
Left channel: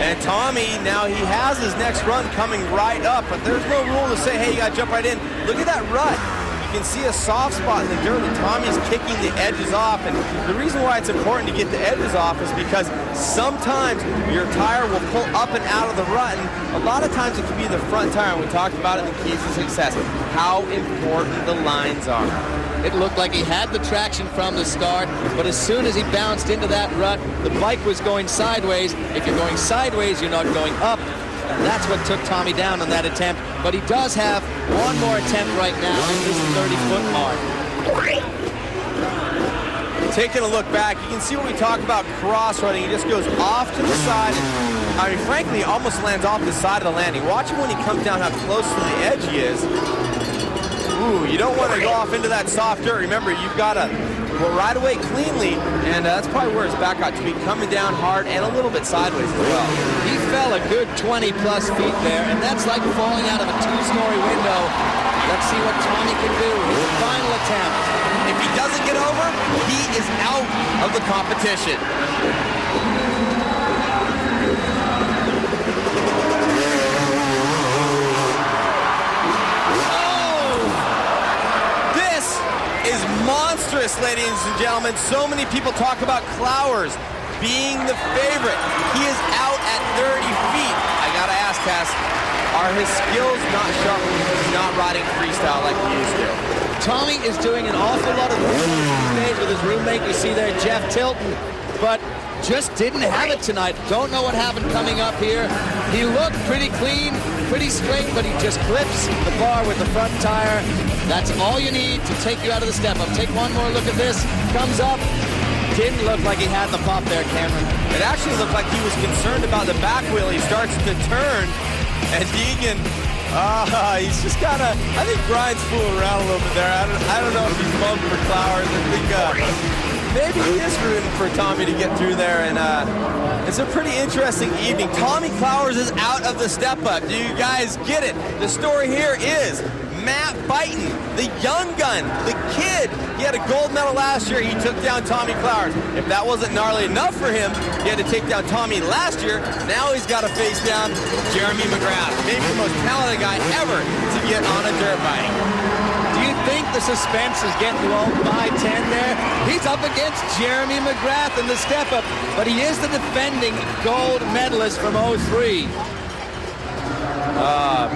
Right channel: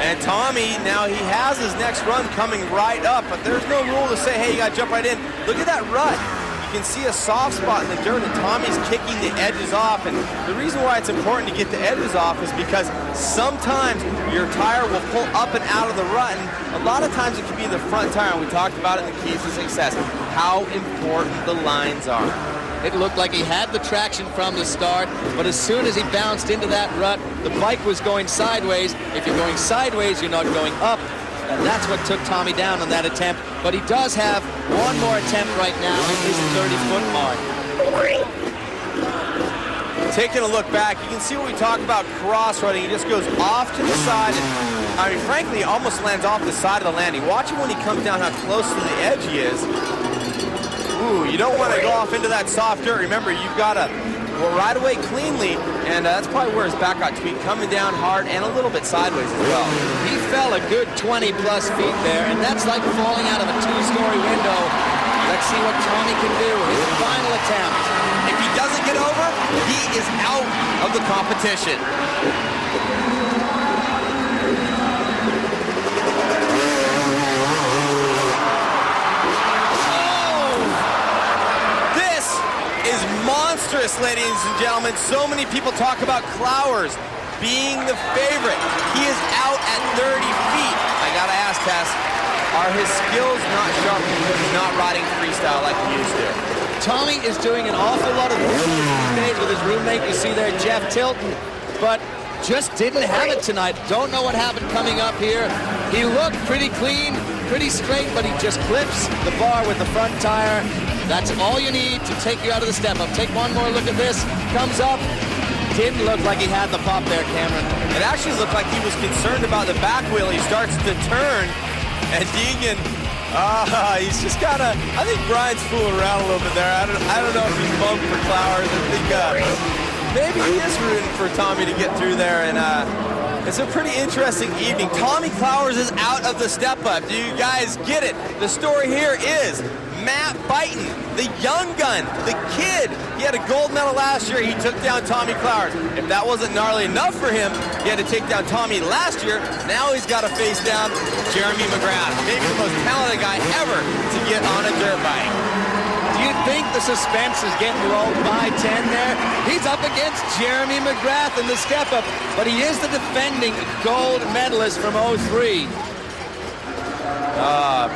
And Tommy, now he has his next run coming right up, but there's no rule to say, hey, you got to jump right in. Look at that rut. You can see a soft spot in the dirt, and Tommy's kicking the edges off. And the reason why it's important to get the edges off is because sometimes your tire will pull up and out of the rut, and a lot of times it can be the front tire, and we talked about it in the keys to success, how important the lines are. It looked like he had the traction from the start, but as soon as he bounced into that rut, the bike was going sideways. If you're going sideways, you're not going up, and that's what took Tommy down on that attempt. But he does have one more attempt right now at this 30-foot mark. Taking a look back, you can see what we talk about cross-rutting. He just goes off to the side, and I mean, frankly, he almost lands off the side of the landing. Watch him when he comes down, how close to the edge he is. Ooh, you don't want to go off into that soft dirt. Remember, you've got to ride away cleanly, and that's probably where his back got tweaked, coming down hard and a little bit sideways as well. He fell a good 20-plus feet there, and that's like falling out of a two-story window. Let's see what Tommy can do. His final attempt. If he doesn't get over, he is out of the competition. Is monstrous, ladies and gentlemen. So many people talk about Clowers being the favorite. He is out at 30 feet. I gotta ask, Tess, are his skills not sharp because he's not riding freestyle like he used to? Tommy is doing an awful lot of these days with his roommate. You see there, Jeff Tilton, but just didn't have it tonight. Don't know what happened coming up here. He looked pretty clean, pretty straight, but he just clips the bar with the front tire. That's all you need to take you out of the step-up. Take one more look at this. Comes up. Didn't look like he had the pop there, Cameron. It actually looked like he was concerned about the back wheel. He starts to turn, and Deegan, he's just kind of, I think Brian's fooling around a little bit there. I don't know if he's bummed for Clowers. I think maybe he is rooting for Tommy to get through there, and it's a pretty interesting evening. Tommy Clowers is out of the step-up. Do you guys get it? The story here is Matt Byton, the young gun, the kid. He had a gold medal last year. He took down Tommy Clowers. If that wasn't gnarly enough for him, he had to take down Tommy last year. Now he's got to face down Jeremy McGrath, maybe the most talented guy ever to get on a dirt bike. Do you think the suspense is getting to all 5'10" there? He's up against Jeremy McGrath in the step-up, but he is the defending gold medalist from '03.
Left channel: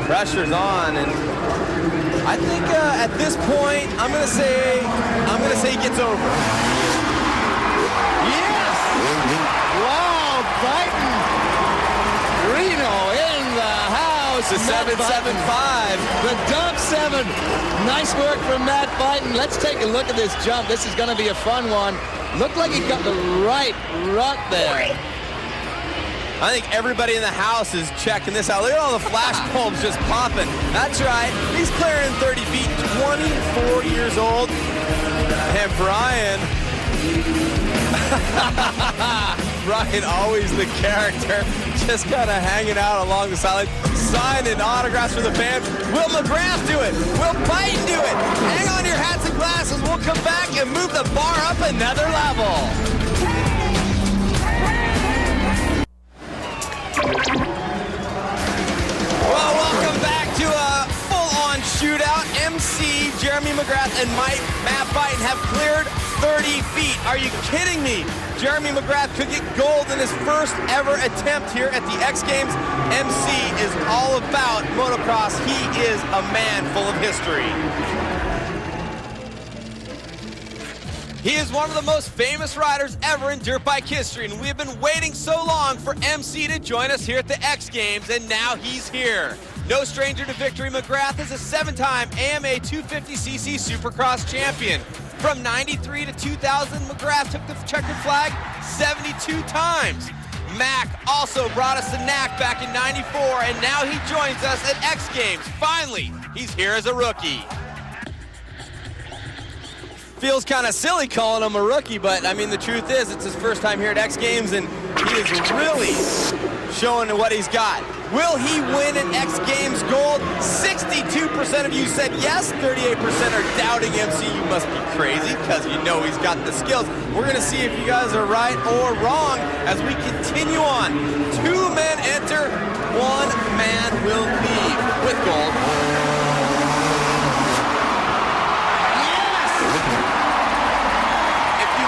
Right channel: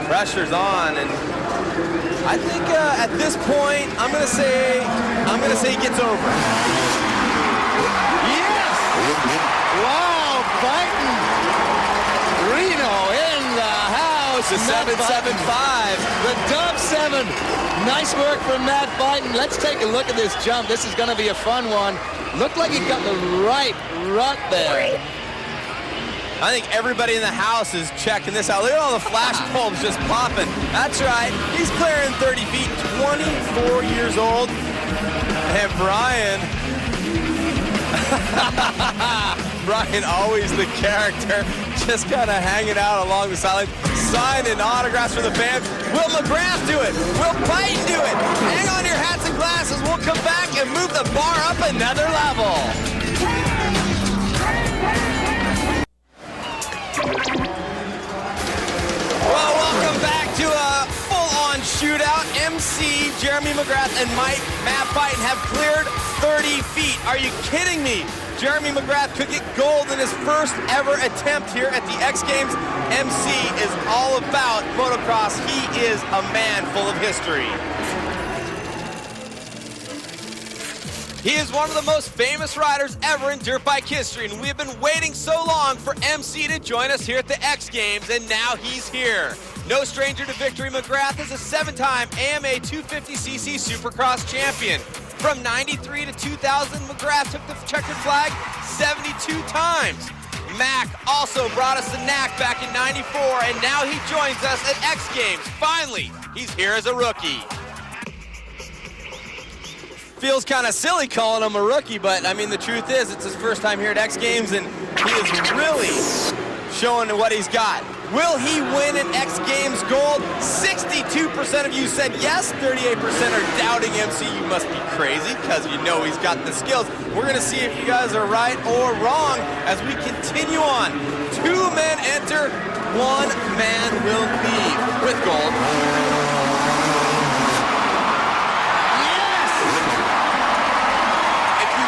Pressure's on, and I think at this point, I'm gonna say he gets over. Yes! Wow, Biden. Reno in the house. The 775. The dump 7. Nice work from Matt Biden. Let's take a look at this jump. This is going to be a fun one. Looked like he got the right rut there. I think everybody in the house is checking this out. Look at all the flash bulbs just popping. That's right. He's clearing 30 feet, 24 years old. And Brian, always the character, just kind of hanging out along the sideline, signing autographs for the fans. Will McGrath do it? Will Biden do it? Hang on your hats and glasses. We'll come back and move the bar up another level. Well, welcome back to a full-on shootout. MC, Jeremy McGrath, and Matt Biden have cleared 30 feet. Are you kidding me? Jeremy McGrath could get gold in his first ever attempt here at the X Games. MC is all about motocross. He is a man full of history. He is one of the most famous riders ever in dirt bike history, and we've been waiting so long for MC to join us here at the X Games, and now he's here. No stranger to victory, McGrath is a 7-time AMA 250cc Supercross champion. From 93 to 2000, McGrath took the checkered flag 72 times. Mac also brought us the knack back in 94, and now he joins us at X Games. Finally, he's here as a rookie. Feels kind of silly calling him a rookie, but I mean, the truth is, it's his first time here at X Games, and he is really showing what he's got. Will he win an X Games gold? 62% of you said yes, 38% are doubting MC. You must be crazy, because you know he's got the skills. We're gonna see if you guys are right or wrong as we continue on. 2 men enter, 1 man will leave with gold.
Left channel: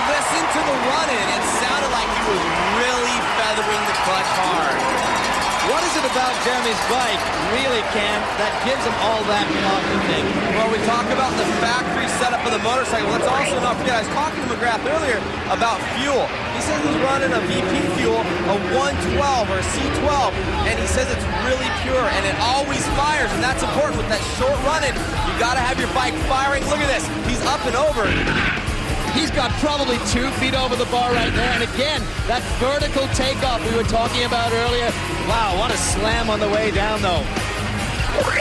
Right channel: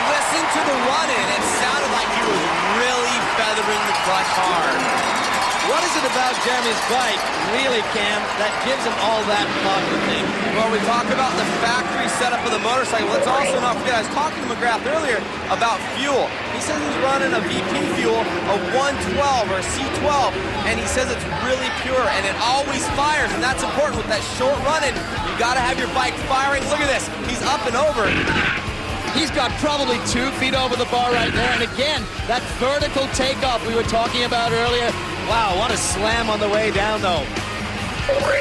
Listen to the run-in. It sounded like he was really feathering the clutch hard. What is it about Jeremy's bike, really, Cam, that gives him all that pop, you think? Well, we talk about the factory setup of the motorcycle. Let's also not forget, I was talking to McGrath earlier about fuel. He says he's running a VP fuel, a 112 or a C12, and he says it's really pure, and it always fires, and that's important with that short run-in. You got to have your bike firing. Look at this. He's up and over. He's got probably 2 feet over the bar right there. And again, that vertical takeoff we were talking about earlier. Wow, what a slam on the way down, though.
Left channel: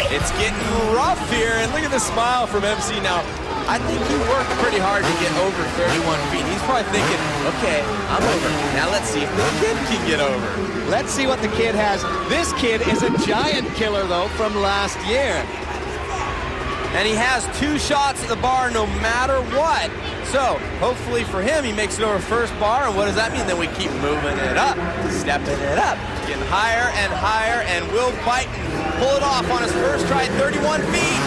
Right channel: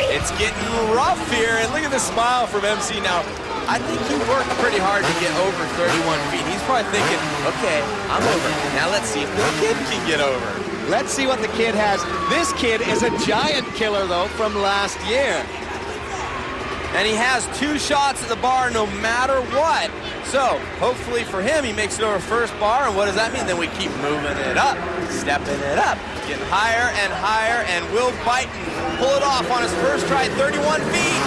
It's getting rough here, and look at the smile from MC now. I think he worked pretty hard to get over 31 feet. He's probably thinking, okay, I'm over. Now let's see if the kid can get over. Let's see what the kid has. This kid is a giant killer, though, from last year. And he has 2 shots at the bar no matter what. So, hopefully for him, he makes it over first bar, and what does that mean? Then we keep moving it up, stepping it up, getting higher, and will Biden pull it off on his first try at 31 feet?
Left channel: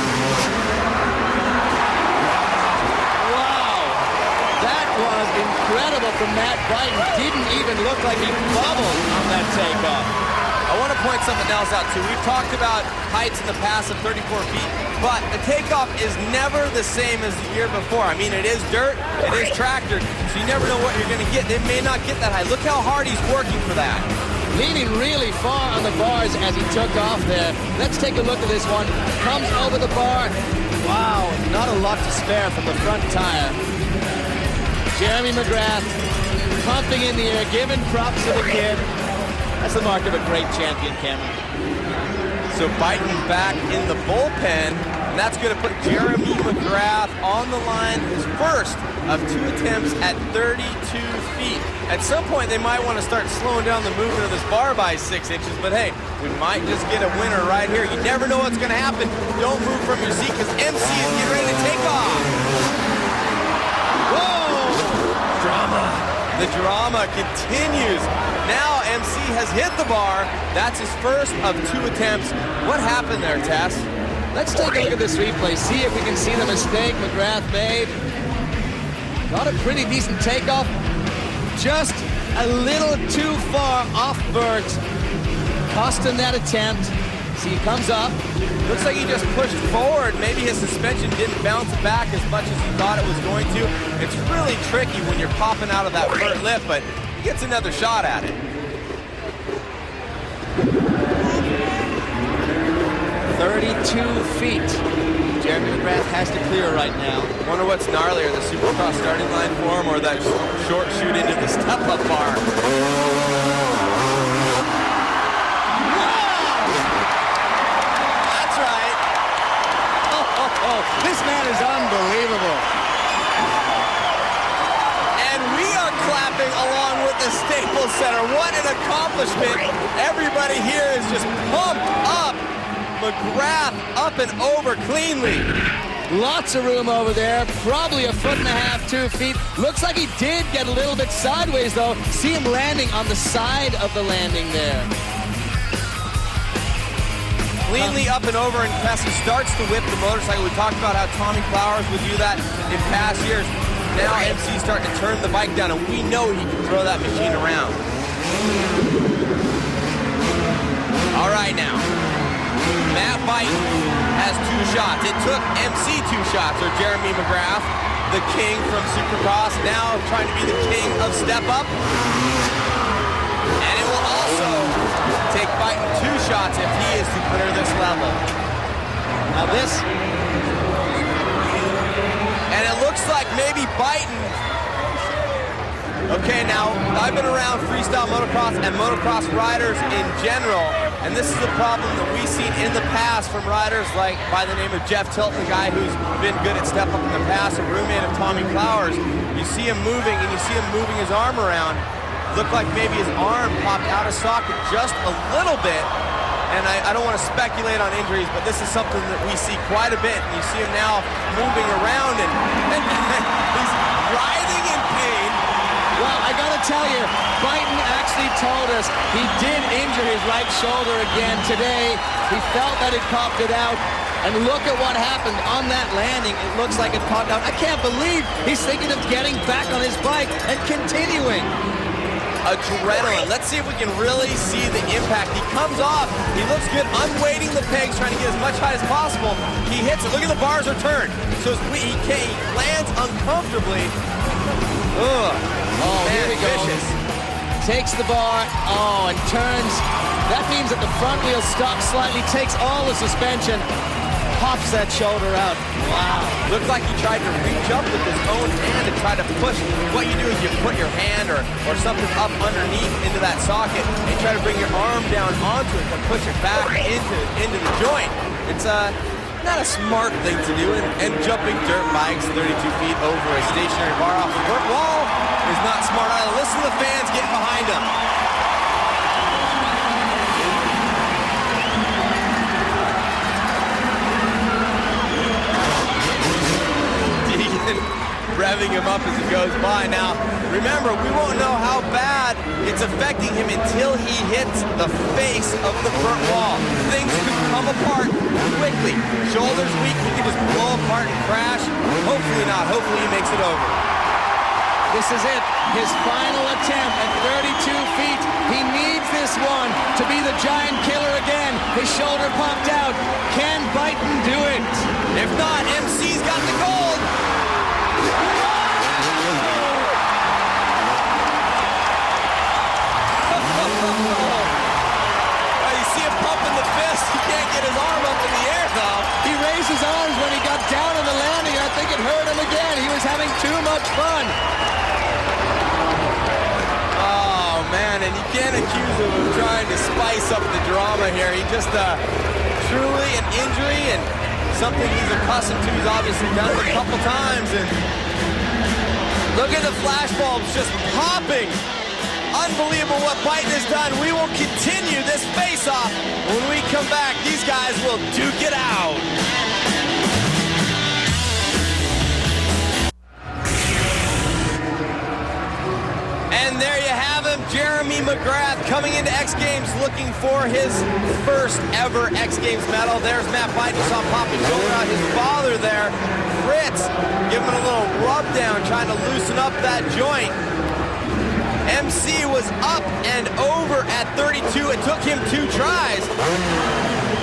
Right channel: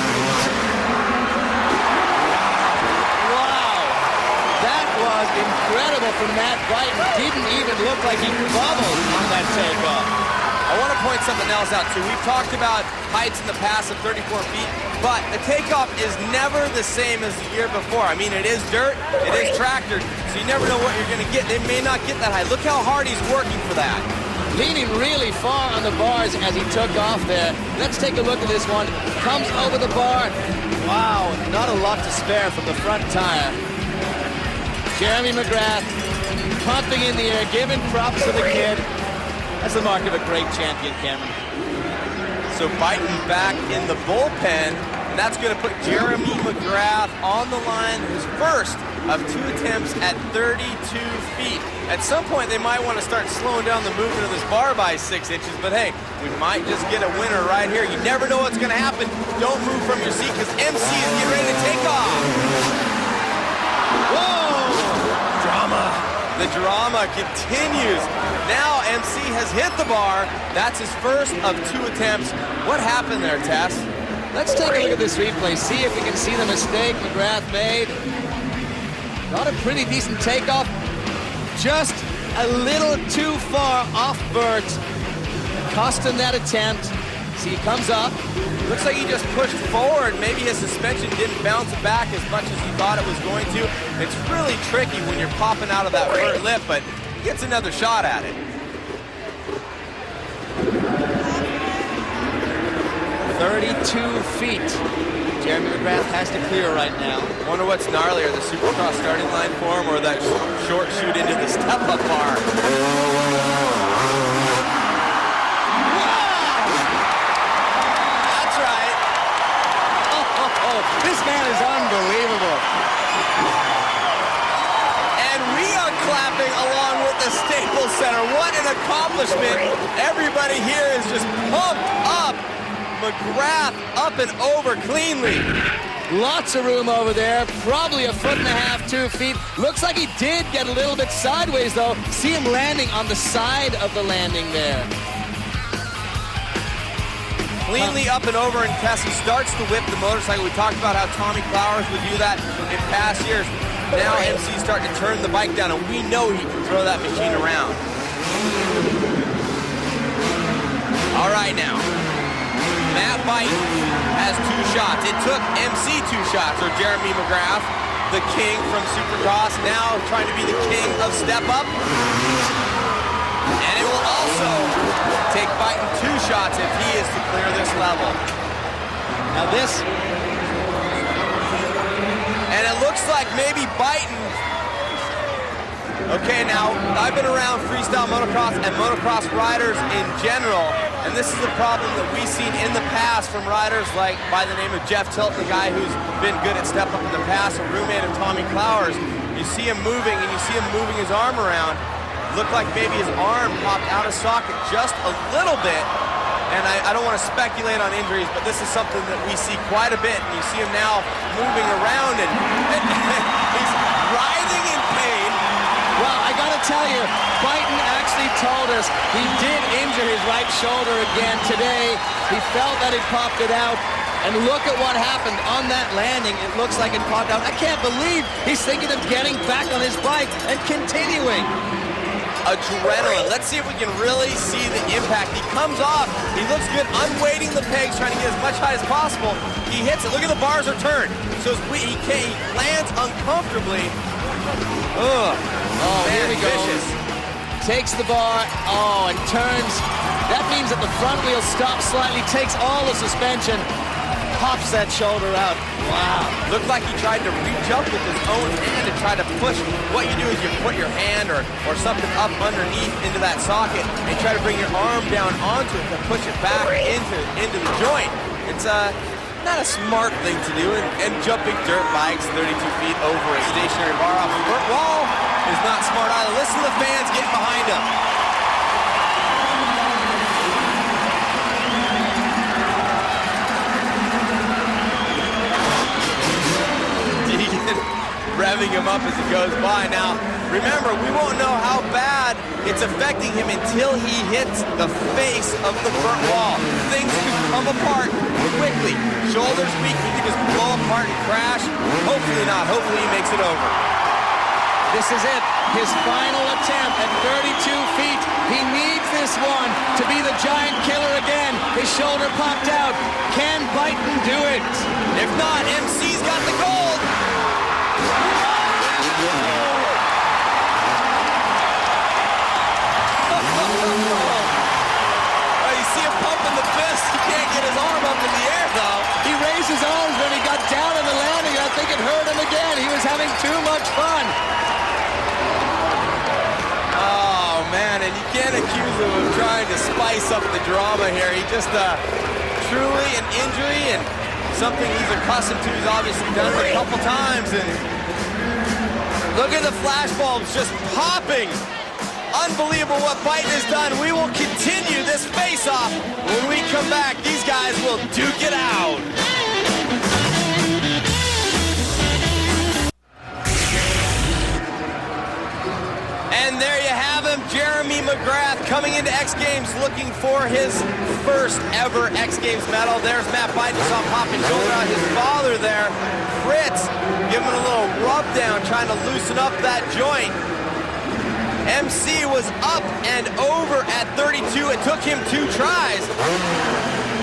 Wow, that was incredible from Matt Biden. Didn't even look like he bubbled on that takeoff. I want to point something else out, too. We've talked about heights in the past of 34 feet, but the takeoff is never the same as the year before. I mean, it is dirt, it is tractored, so you never know what you're going to get. They may not get that high. Look how hard he's working for that. Leaning really far on the bars as he took off there. Let's take a look at this one. Comes over the bar. Wow, not a lot to spare from the front tire. Jeremy McGrath pumping in the air, giving props to the kid. That's the mark of a great champion, Cameron. So Biden back in the bullpen, and that's going to put Jeremy McGrath on the line, his first of 2 attempts at 32 feet. At some point, they might want to start slowing down the movement of this bar by 6 inches, but hey, we might just get a winner right here. You never know what's going to happen. Don't move from your seat, because MC is getting ready to take off. Whoa! Drama. The drama continues. Now MC has hit the bar. That's his first of 2 attempts. What happened there, Tess? Let's take a look at this replay, see if we can see the mistake McGrath made. Got a pretty decent takeoff. Just a little too far off Bert. Cost him that attempt. See, he comes up. Looks like he just pushed forward. Maybe his suspension didn't bounce back as much as he thought it was going to. It's really tricky when you're popping out of that vert lip, but he gets another shot at it. 32 feet. Jeremy McGrath has to clear right now. Wonder what's gnarlier, the Supercross starting line for him or that short shoot into the step-up bar. That's right. Oh, this man is unbelievable. And we are clapping along with the Staples Center. What an accomplishment. Everybody here is just pumped up. McGrath up and over cleanly. Lots of room over there, probably 1.5 feet, 2 feet. Looks like he did get a little bit sideways though. See him landing on the side of the landing there. Cleanly up and over, and Tessie starts to whip the motorcycle. We talked about how Tommy Flowers would do that in past years. Now MC's starting to turn the bike down, and we know he can throw that machine around. All right now. Matt Bite has 2 shots. It took MC 2 shots, or Jeremy McGrath, the king from Supercross, now trying to be the king of Step Up. And it will also take Bite 2 shots if he is to clear this level. Now this. And it looks like maybe Biden. Okay, now I've been around freestyle motocross and motocross riders in general, and this is a problem that we've seen in the past from riders like by the name of Jeff Tilton, the guy who's been good at Step Up in the past, a roommate of Tommy Flowers. You see him moving, and you see him moving his arm around. Looked like maybe his arm popped out of socket just a little bit, and I don't want to speculate on injuries, but this is something that we see quite a bit, and you see him now moving around, and he's writhing in pain. Well, I gotta tell you, Biden actually told us he did injure his right shoulder again today. He felt that it popped it out. And look at what happened on that landing. It looks like it popped out. I can't believe he's thinking of getting back on his bike and continuing. Adrenaline. Let's see if we can really see the impact. He comes off. He looks good, unweighting the pegs, trying to get as much height as possible. He hits it. Look at the bars are turned. So he lands uncomfortably. Ugh. Oh, man, here we go. Vicious. Takes the bar, and turns. That means that the front wheel stops slightly, takes all the suspension, pops that shoulder out. Wow. Looked like he tried to reach up with his own hand and try to push. What you do is you put your hand or something up underneath into that socket and you try to bring your arm down onto it to push it back into the joint. It's not a smart thing to do, and jumping dirt bikes 32 feet over a stationary bar off a vert wall is not smart either. Listen to the fans getting behind him. Deegan revving him up as he goes by. Now, remember, we won't know how bad it's affecting him until he hits the face of the front wall. Things could come apart quickly. Shoulders weak, he could just blow apart and crash. Hopefully not. Hopefully he makes it over. This is it. His final attempt at 32 feet. He needs this one to be the giant killer again. His shoulder popped out. Can Biden do it? If not, MC's got the gold. Oh, you see him pumping the fist. He can't get his arm up in the air, though. He raised his arms when he got down on the landing, and I think it hurt him again. He was having too much fun. Oh, man, and you can't accuse him of trying to spice up the drama here. He just, truly an injury and something he's accustomed to. He's obviously done it a couple times, and look at the flashbulbs just popping. Unbelievable what Biden has done. We will continue this face-off. When we come back, these guys will duke it out. And there you have him, Jeremy McGrath, coming into X Games looking for his first ever X Games medal. There's Matt Biden, saw him pop his shoulder out. His father there, Fritz, giving him a little rub down, trying to loosen up that joint. MC was up and over at 32. It took him 2 tries.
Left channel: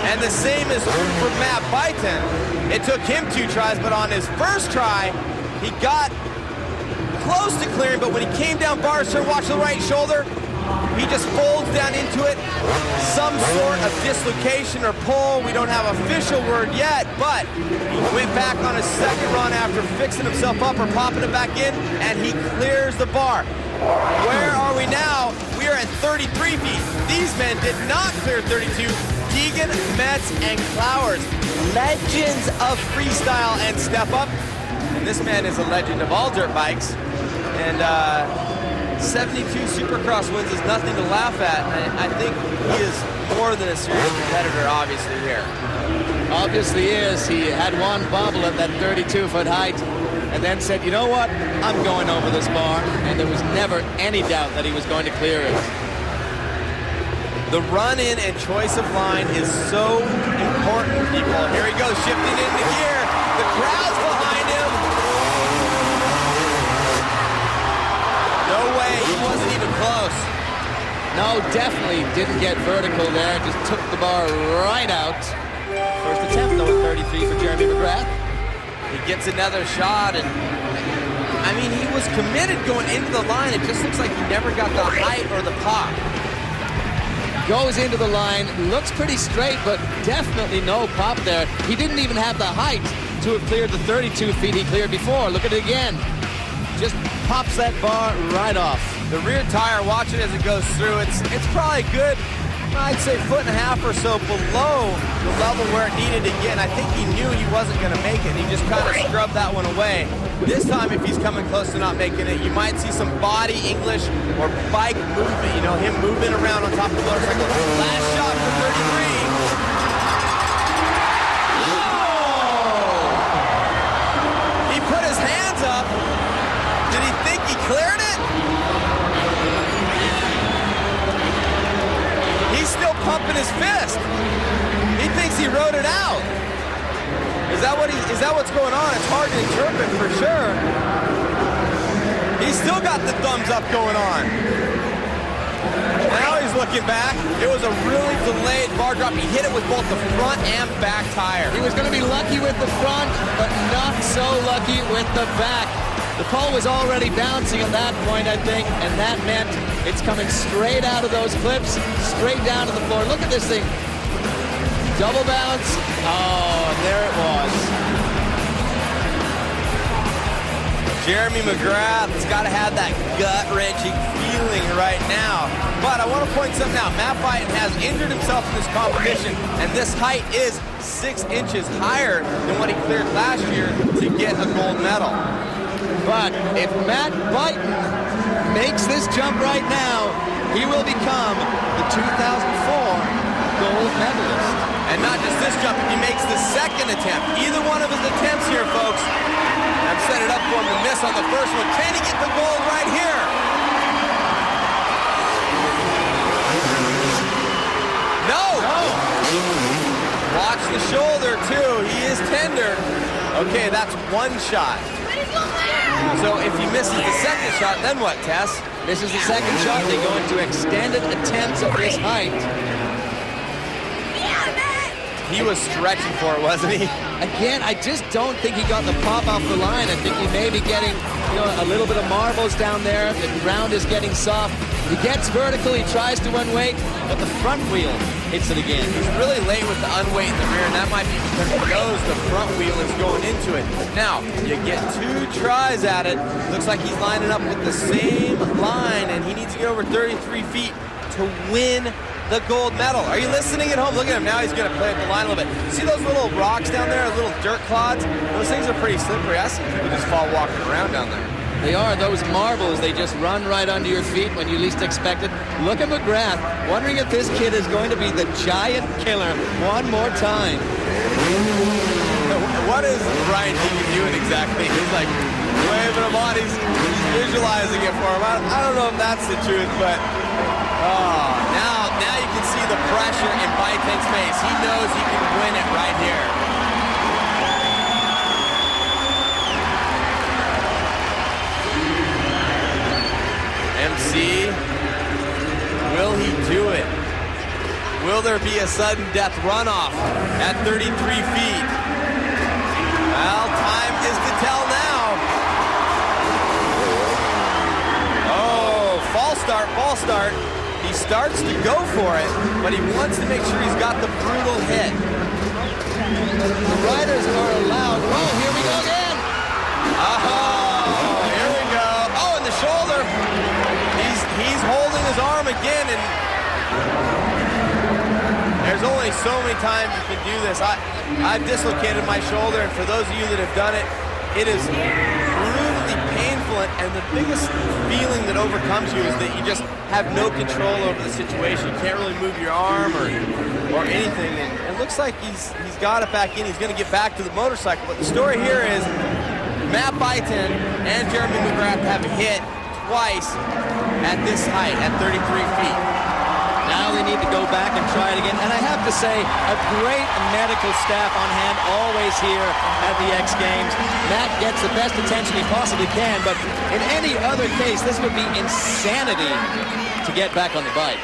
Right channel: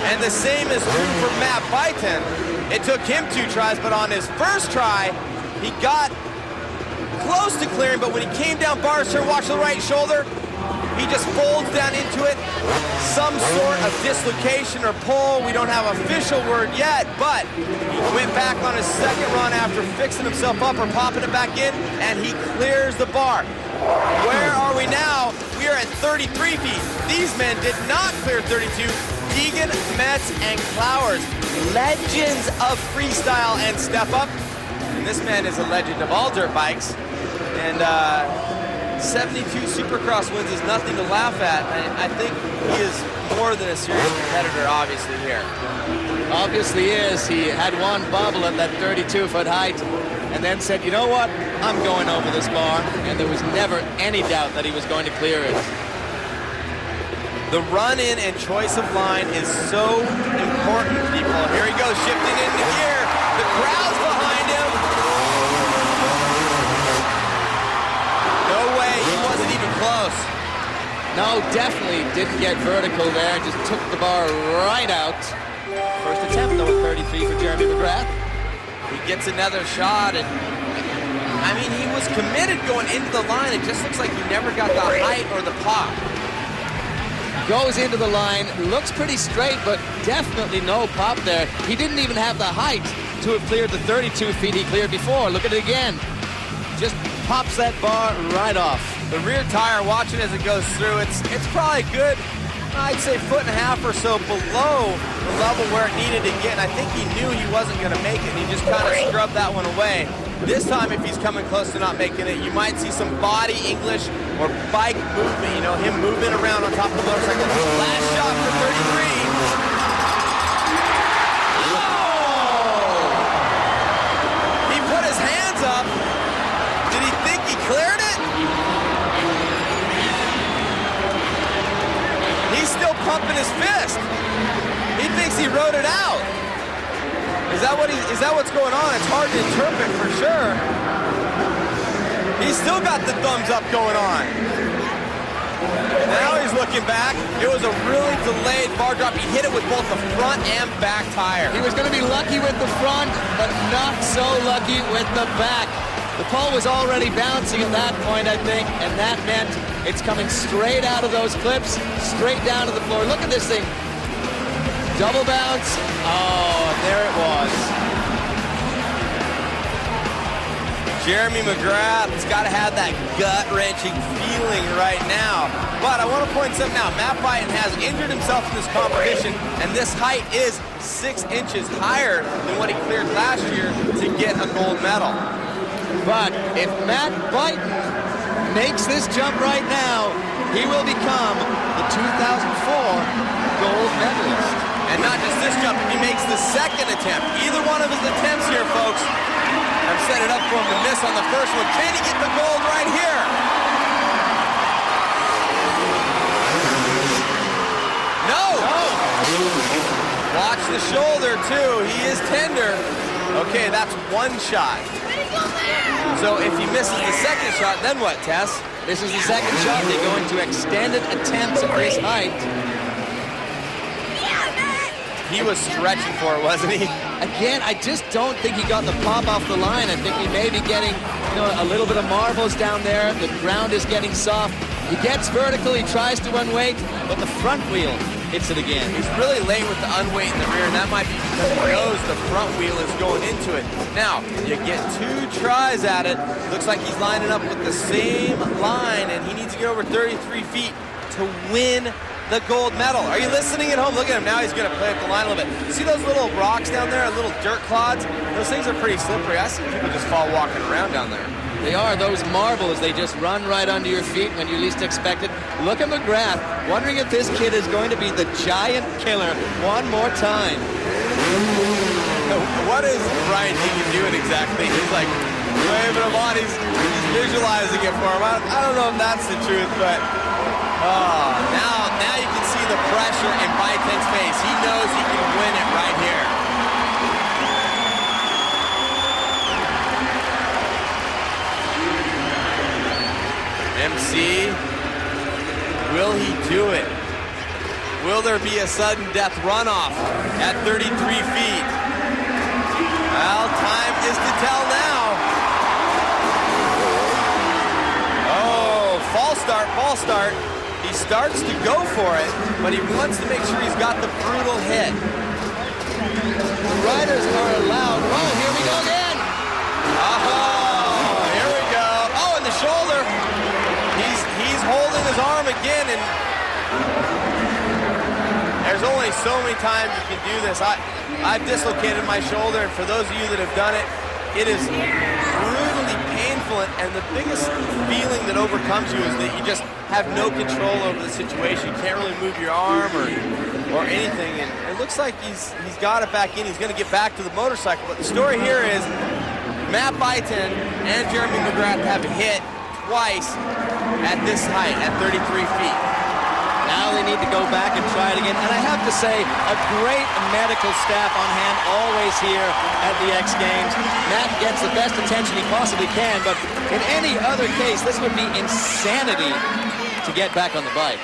And the same is true for Matt Biden. It took him 2 tries, but on his first try, he got close to clearing, but when he came down bars turn, watch the right shoulder, he just folds down into it. Some sort of dislocation or pull. We don't have an official word yet, but he went back on his second run after fixing himself up or popping it back in, and he clears the bar. Where are we now? We are at 33 feet. These men did not clear 32. Deegan, Metz, and Clowers, legends of freestyle and step up. And this man is a legend of all dirt bikes. And 72 Supercross wins is nothing to laugh at. And I think he is more than a serious competitor, obviously, here. Obviously is. He had one bobble at that 32-foot height and then said, you know what? I'm going over this bar. And there was never any doubt that he was going to clear it. The run-in and choice of line is so important, people. Here he goes, shifting into gear. The crowd's behind him. No way, he wasn't even close. No, definitely didn't get vertical there. Just took the bar right out. First attempt, though, at 33 for Jeremy McGrath. He gets another shot, and I mean, he was committed going into the line. It just looks like he never got the height or the pop. Goes into the line, looks pretty straight, but definitely no pop there. He didn't even have the height to have cleared the 32 feet he cleared before. Look at it again. Just pops that bar right off. The rear tire, watch it as it goes through. It's probably good, I'd say 1.5 feet or so below the level where it needed to get. And I think he knew he wasn't going to make it, and he just kind of scrubbed that one away. This time, if he's coming close to not making it, you might see some body English or bike movement, you know, him moving around on top of the motorcycle. Last shot for 33. Oh! He put his hands up. Did he think he cleared it? He's still pumping his fist. He thinks he rode it out. Is that what's going on? It's hard to interpret for sure. He's still got the thumbs up going on. Now he's looking back. It was a really delayed bar drop. He hit it with both the front and back tire. He was going to be lucky with the front, but not so lucky with the back. The pole was already bouncing at that point, I think, and that meant it's coming straight out of those clips, straight down to the floor. Look at this thing. Double bounce. Oh, and there it was. Jeremy McGrath's got to have that gut-wrenching feeling right now. But I want to point something out. Matt Biden has injured himself in this competition, and this height is 6 inches higher than what he cleared last year to get a gold medal. But if Matt Biden makes this jump right now, he will become the 2004 gold medalist. And not just this jump, if he makes the second attempt. Either one of his attempts here, folks. I'm setting it up for him to miss on the first one. Can he get the gold right here? No! Watch the shoulder, too. He is tender. Okay, that's one shot. So if he misses the second shot, then what, Tess? Misses the second shot, they go into extended attempts at this height. He was stretching for it, wasn't he? Again, I just don't think he got the pop off the line. I think he may be getting, a little bit of marbles down there. The ground is getting soft. He gets vertical, he tries to unweight, but the front wheel hits it again. He's really late with the unweight in the rear, and that might be because he knows the front wheel is going into it. Now, you get 2 tries at it. Looks like he's lining up with the same line, and he needs to get over 33 feet to win the gold medal. Are you listening at home? Look at him now. He's going to play at the line a little bit. See those little rocks down there, little dirt clods? Those things are pretty slippery. I see people just fall walking around down there. They are. Those marbles, they just run right under your feet when you least expect it. Look at McGrath, wondering if this kid is going to be the giant killer one more time. What is Ryan Deegan doing exactly? He's like waving him on. He's visualizing it for him. I don't know if that's the truth, but now you can see the pressure in Baiten's face. He knows he can win it right here. MC, will he do it? Will there be a sudden death runoff at 33 feet? Well, time is to tell now. Oh, false start. He starts to go for it, but he wants to make sure he's got the brutal hit. The riders are allowed. Oh, here we go again. Oh, here we go. Oh, and the shoulder. He's holding his arm again, and there's only so many times you can do this. I've dislocated my shoulder, and for those of you that have done it, it is brutally painful, and the biggest feeling that overcomes you is that you just have no control over the situation. You can't really move your arm or anything, and it looks like he's got it back in. He's going to get back to the motorcycle, but the story here is Matt Baiten and Jeremy McGrath have hit twice at this height, at 33 feet. Now they need to go back and try it again. And I have to say, a great medical staff on hand always here at the X Games. Matt gets the best attention he possibly can, but in any other case, this would be insanity to get back on the bike.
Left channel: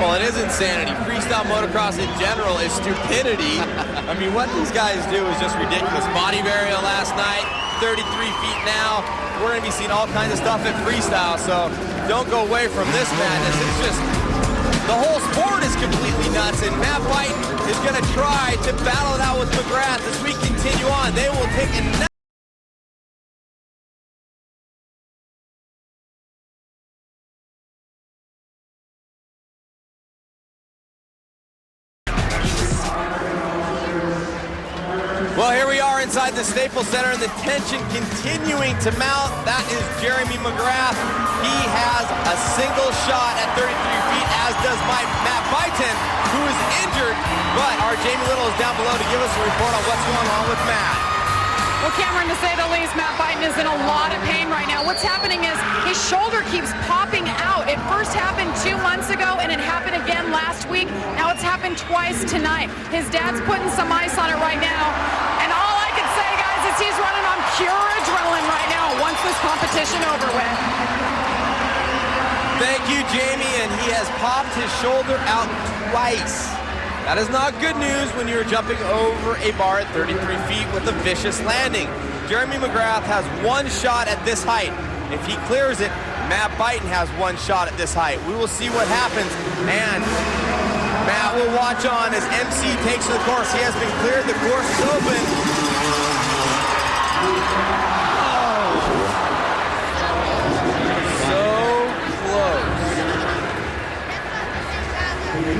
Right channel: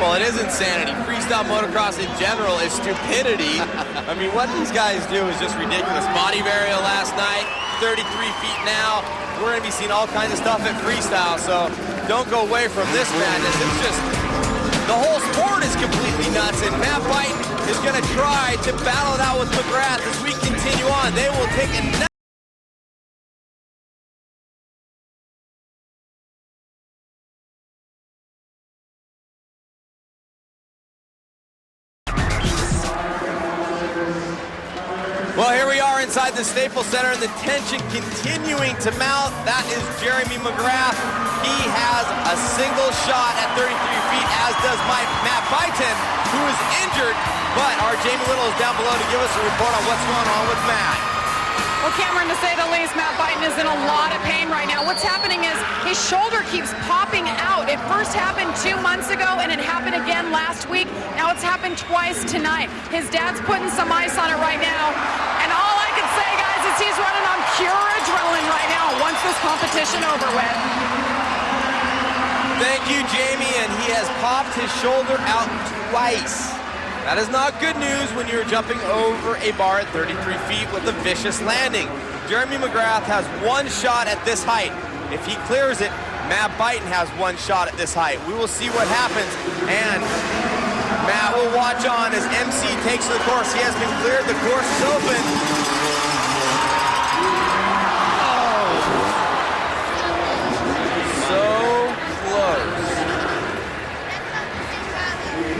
Well, it is insanity. Freestyle motocross in general is stupidity. I mean, what these guys do is just ridiculous. Body varial last night, 33 feet now. We're going to be seeing all kinds of stuff at freestyle, so don't go away from this madness. It's just, the whole sport is completely nuts, and Matt Baiten is going to try to battle it out with McGrath as we continue on. They will take a Well, here we are inside the Staples Center, and the tension continuing to mount. That is Jeremy McGrath. He has a single shot at 33 feet, as does Matt Baiten, who is injured. But our Jamie Little is down below to give us a report on what's going on with Matt. Well, Cameron, to say the least, Matt Baiten is in a lot of pain right now. What's happening is his shoulder keeps popping out. It first happened 2 months ago, and it happened again last week. Now it's happened twice tonight. His dad's putting some ice on it right now. And all I can say, guys, is he's running on pure adrenaline right now once this competition over with. Thank you, Jamie, and he has popped his shoulder out twice. That is not good news when you're jumping over a bar at 33 feet with a vicious landing. Jeremy McGrath has one shot at this height. If he clears it, Matt Baiten has one shot at this height. We will see what happens, and Matt will watch on as MC takes to the course. He has been cleared. The course is open. Oh. So close.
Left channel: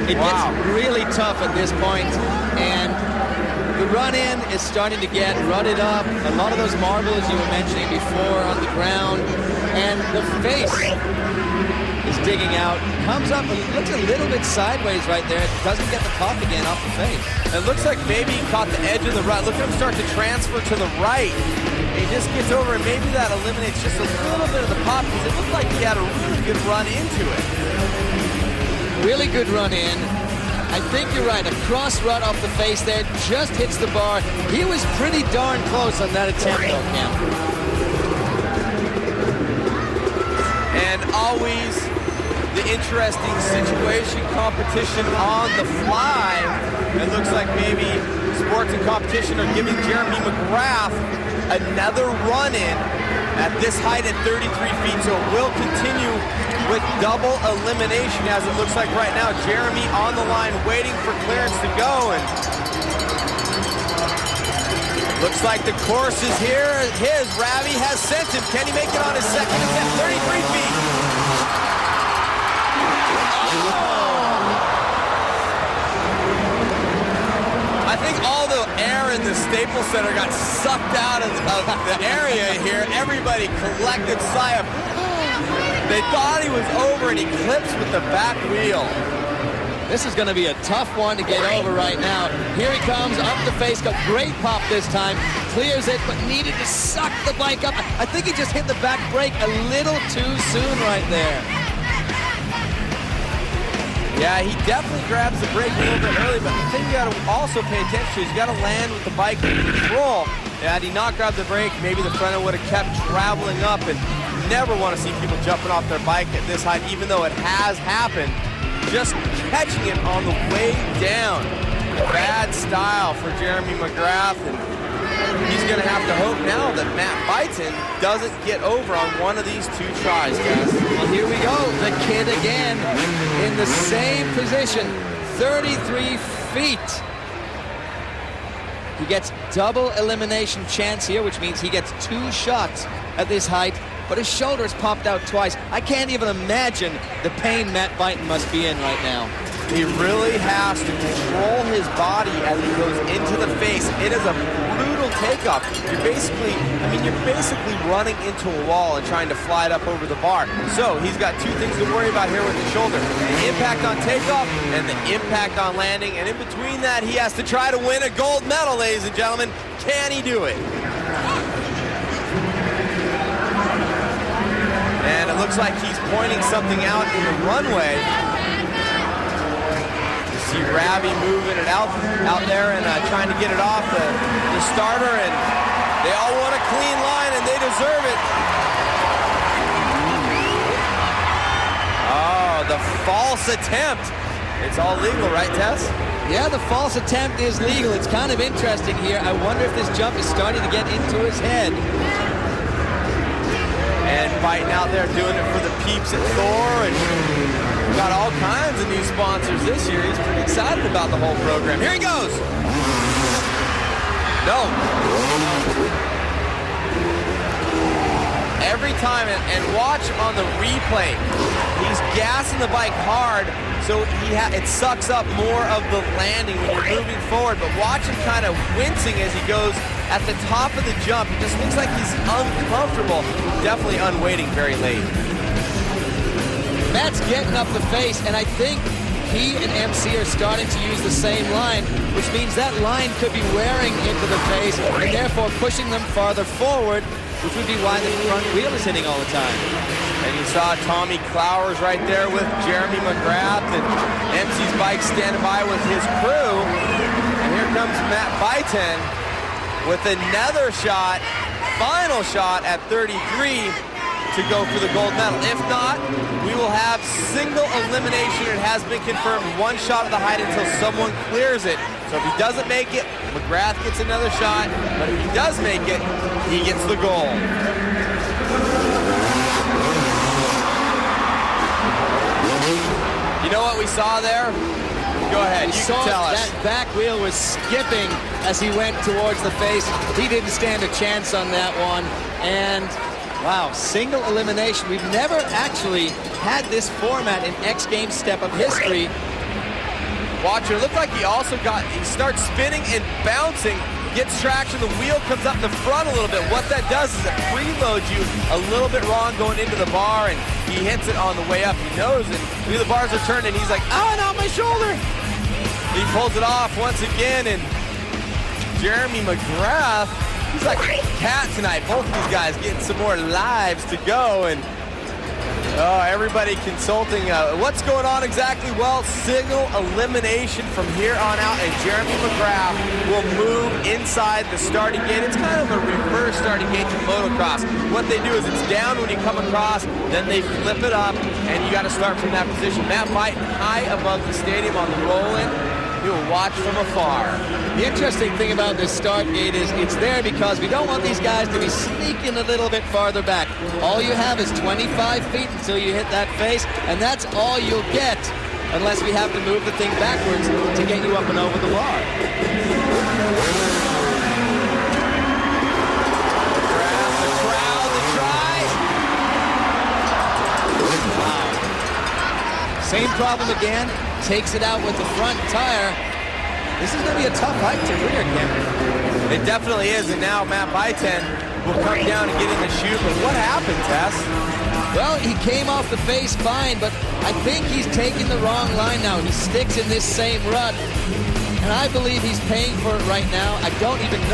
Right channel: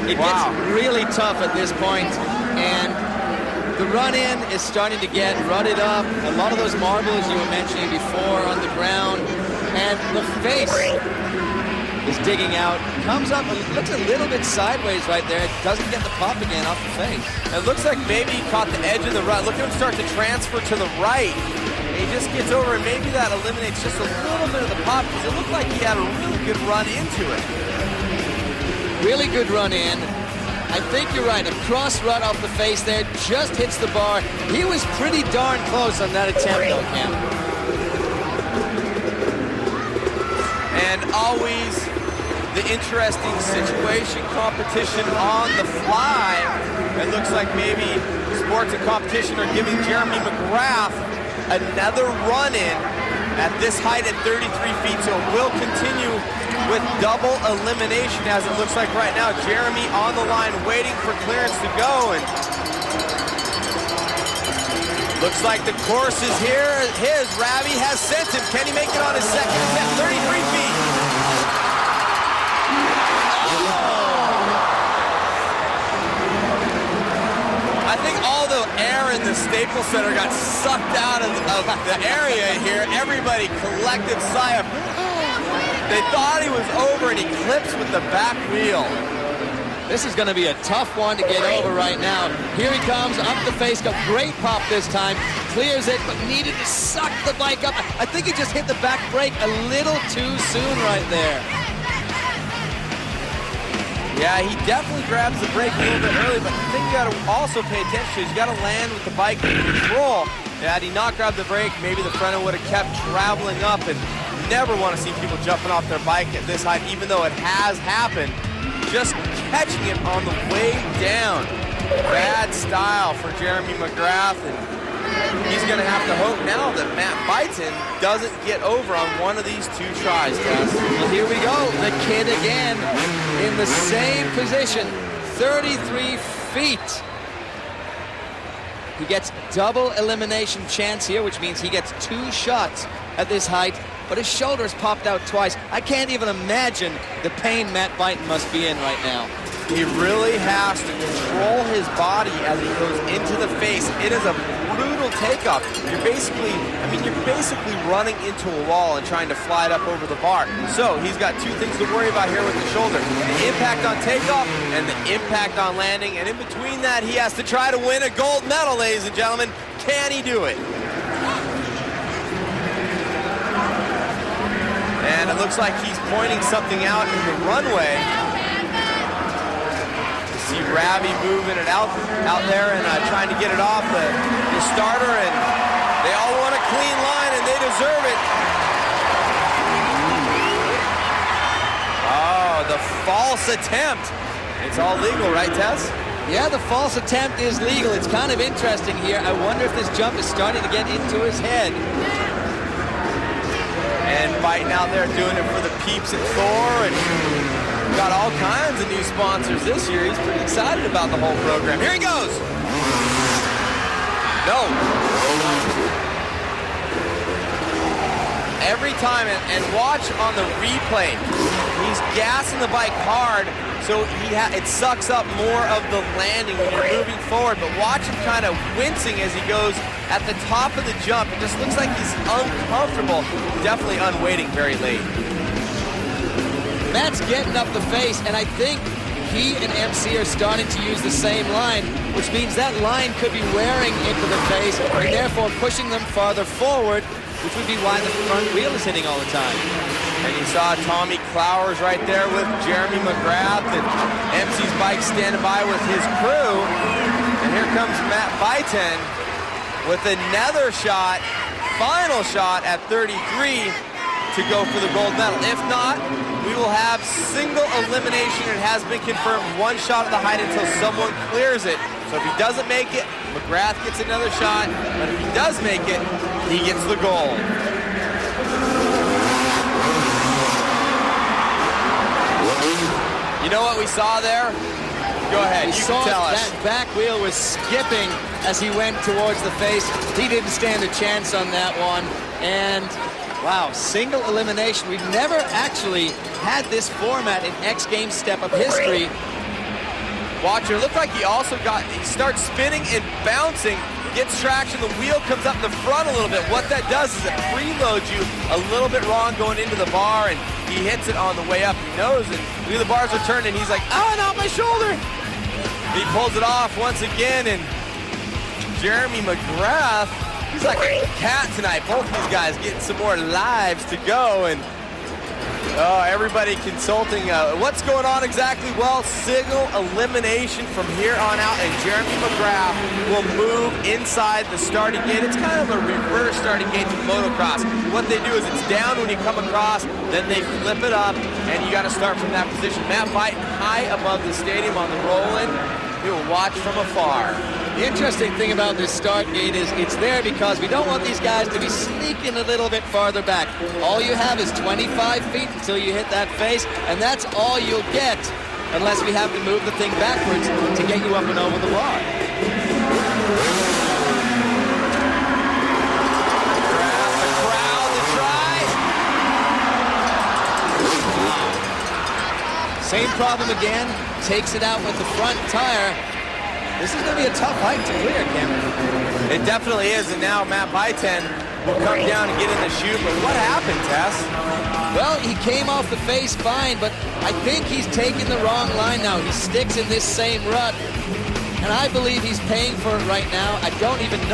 It gets really tough at this point, and the run-in is starting to get rutted up. A lot of those marbles you were mentioning before on the ground, and the face is digging out. Comes up, looks a little bit sideways right there. It doesn't get the pop again off the face. It looks like maybe he caught the edge of the rut. Look at him start to transfer to the right. And he just gets over, and maybe that eliminates just a little bit of the pop, because it looked like he had a really good run into it. Really good run in. I think you're right. A cross rut off the face there, just hits the bar. He was pretty darn close on that attempt, though, Cam. And always the interesting situation, competition on the fly. It looks like maybe sports and competition are giving Jeremy McGrath another run-in at this height at 33 feet, so it will continue with double elimination, as it looks like right now. Jeremy on the line waiting for clearance to go, and it looks like the course is here. Ravi has sent him. Can he make it on his second attempt? 33 feet. I think all the air in the Staples Center got sucked out of the area here. Everybody, collective sigh of, they thought he was over, and he clips with the back wheel. This is going to be a tough one to get over right now. Here he comes, up the face, got great pop this time, clears it, but needed to suck the bike up. I think he just hit the back brake a little too soon right there. Yeah, he definitely grabs the brake a little bit early, but the thing you got to also pay attention to is you got to land with the bike in control. Had he not grabbed the brake, maybe the front end would have kept traveling up, and never want to see people jumping off their bike at this height, even though it has happened. Just catching it on the way down. Bad style for Jeremy McGrath, and he's going to have to hope now that Matt Byton doesn't get over on one of these 2 tries, Tess. Well, here we go. The kid again in the same position, 33 feet. He gets double elimination chance here, which means he gets 2 shots at this height, but his shoulder has popped out twice. I can't even imagine the pain Matt Byton must be in right now. He really has to control his body as he goes into the face. It is a brutal takeoff. You're basically running into a wall and trying to fly it up over the bar. So he's got 2 things to worry about here with the shoulder. The impact on takeoff and the impact on landing. And in between that, he has to try to win a gold medal, ladies and gentlemen. Can he do it? And it looks like he's pointing something out in the runway. You see Ravi moving it out there and trying to get it off the starter, and they all want a clean line, and they deserve it. Oh, the false attempt. It's all legal, right, Tess? Yeah, the false attempt is legal. It's kind of interesting here. I wonder if this jump is starting to get into his head. And Byton out there doing it for the peeps at Thor, and got all kinds of new sponsors this year. He's pretty excited about the whole program. Here he goes. No. Every time, and watch on the replay, he's gassing the bike hard, so it sucks up more of the landing when you're moving forward. But watch him kind of wincing as he goes at the top of the jump. It just looks like he's uncomfortable, definitely unweighting very late. Matt's getting up the face, and I think he and MC are starting to use the same line, which means that line could be wearing into the face and therefore pushing them farther forward, which would be why the front wheel is hitting all the time. And you saw Tommy Clowers right there with Jeremy McGrath, and MC's bike standing by with his crew. And here comes Matt Byton with another shot, final shot at 33 to go for the gold medal. If not, we will have single elimination. It has been confirmed, 1 shot at the height until someone clears it. So if he doesn't make it, McGrath gets another shot, but if he does make it, he gets the gold. You know what we saw there? Go ahead, you can tell us. That back wheel was skipping as he went towards the face. He didn't stand a chance on that one. And wow, single elimination. We've never actually had this format in X Games step-up history. Watch it. It looked like he starts spinning and bouncing, gets traction, the wheel comes up in the front a little bit. What that does is it preloads you a little bit wrong going into the bar, and he hits it on the way up. He knows, and look at the bars are turning, and he's like, oh, not my shoulder. He pulls it off once again, and Jeremy McGrath, he's like a cat tonight. Both of these guys getting some more lives to go, and everybody consulting. What's going on exactly? Well, single elimination from here on out, and Jeremy McGrath will move inside the starting gate. It's kind of a reverse starting gate to motocross. What they do is it's down when you come across, then they flip it up, and you got to start from that position. Matt Byton high above the stadium on the roll-in. He will watch from afar. The interesting thing about this start gate is it's there because we don't want these guys to be sneaking a little bit farther back. All you have is 25 feet until you hit that face, and that's all you'll get unless we have to move the thing backwards to get you up and over the bar. The crowd, the try. Wow. Same problem again. Takes it out with the front tire. This is going to be a tough height to clear, Cameron. It definitely is, and now Matt Byton will come down and get in the chute. But what happened, Tess? Well, he came off the face fine, but I think he's taking the wrong line now. He sticks in this same rut, and I believe he's paying for it right now. I don't even know.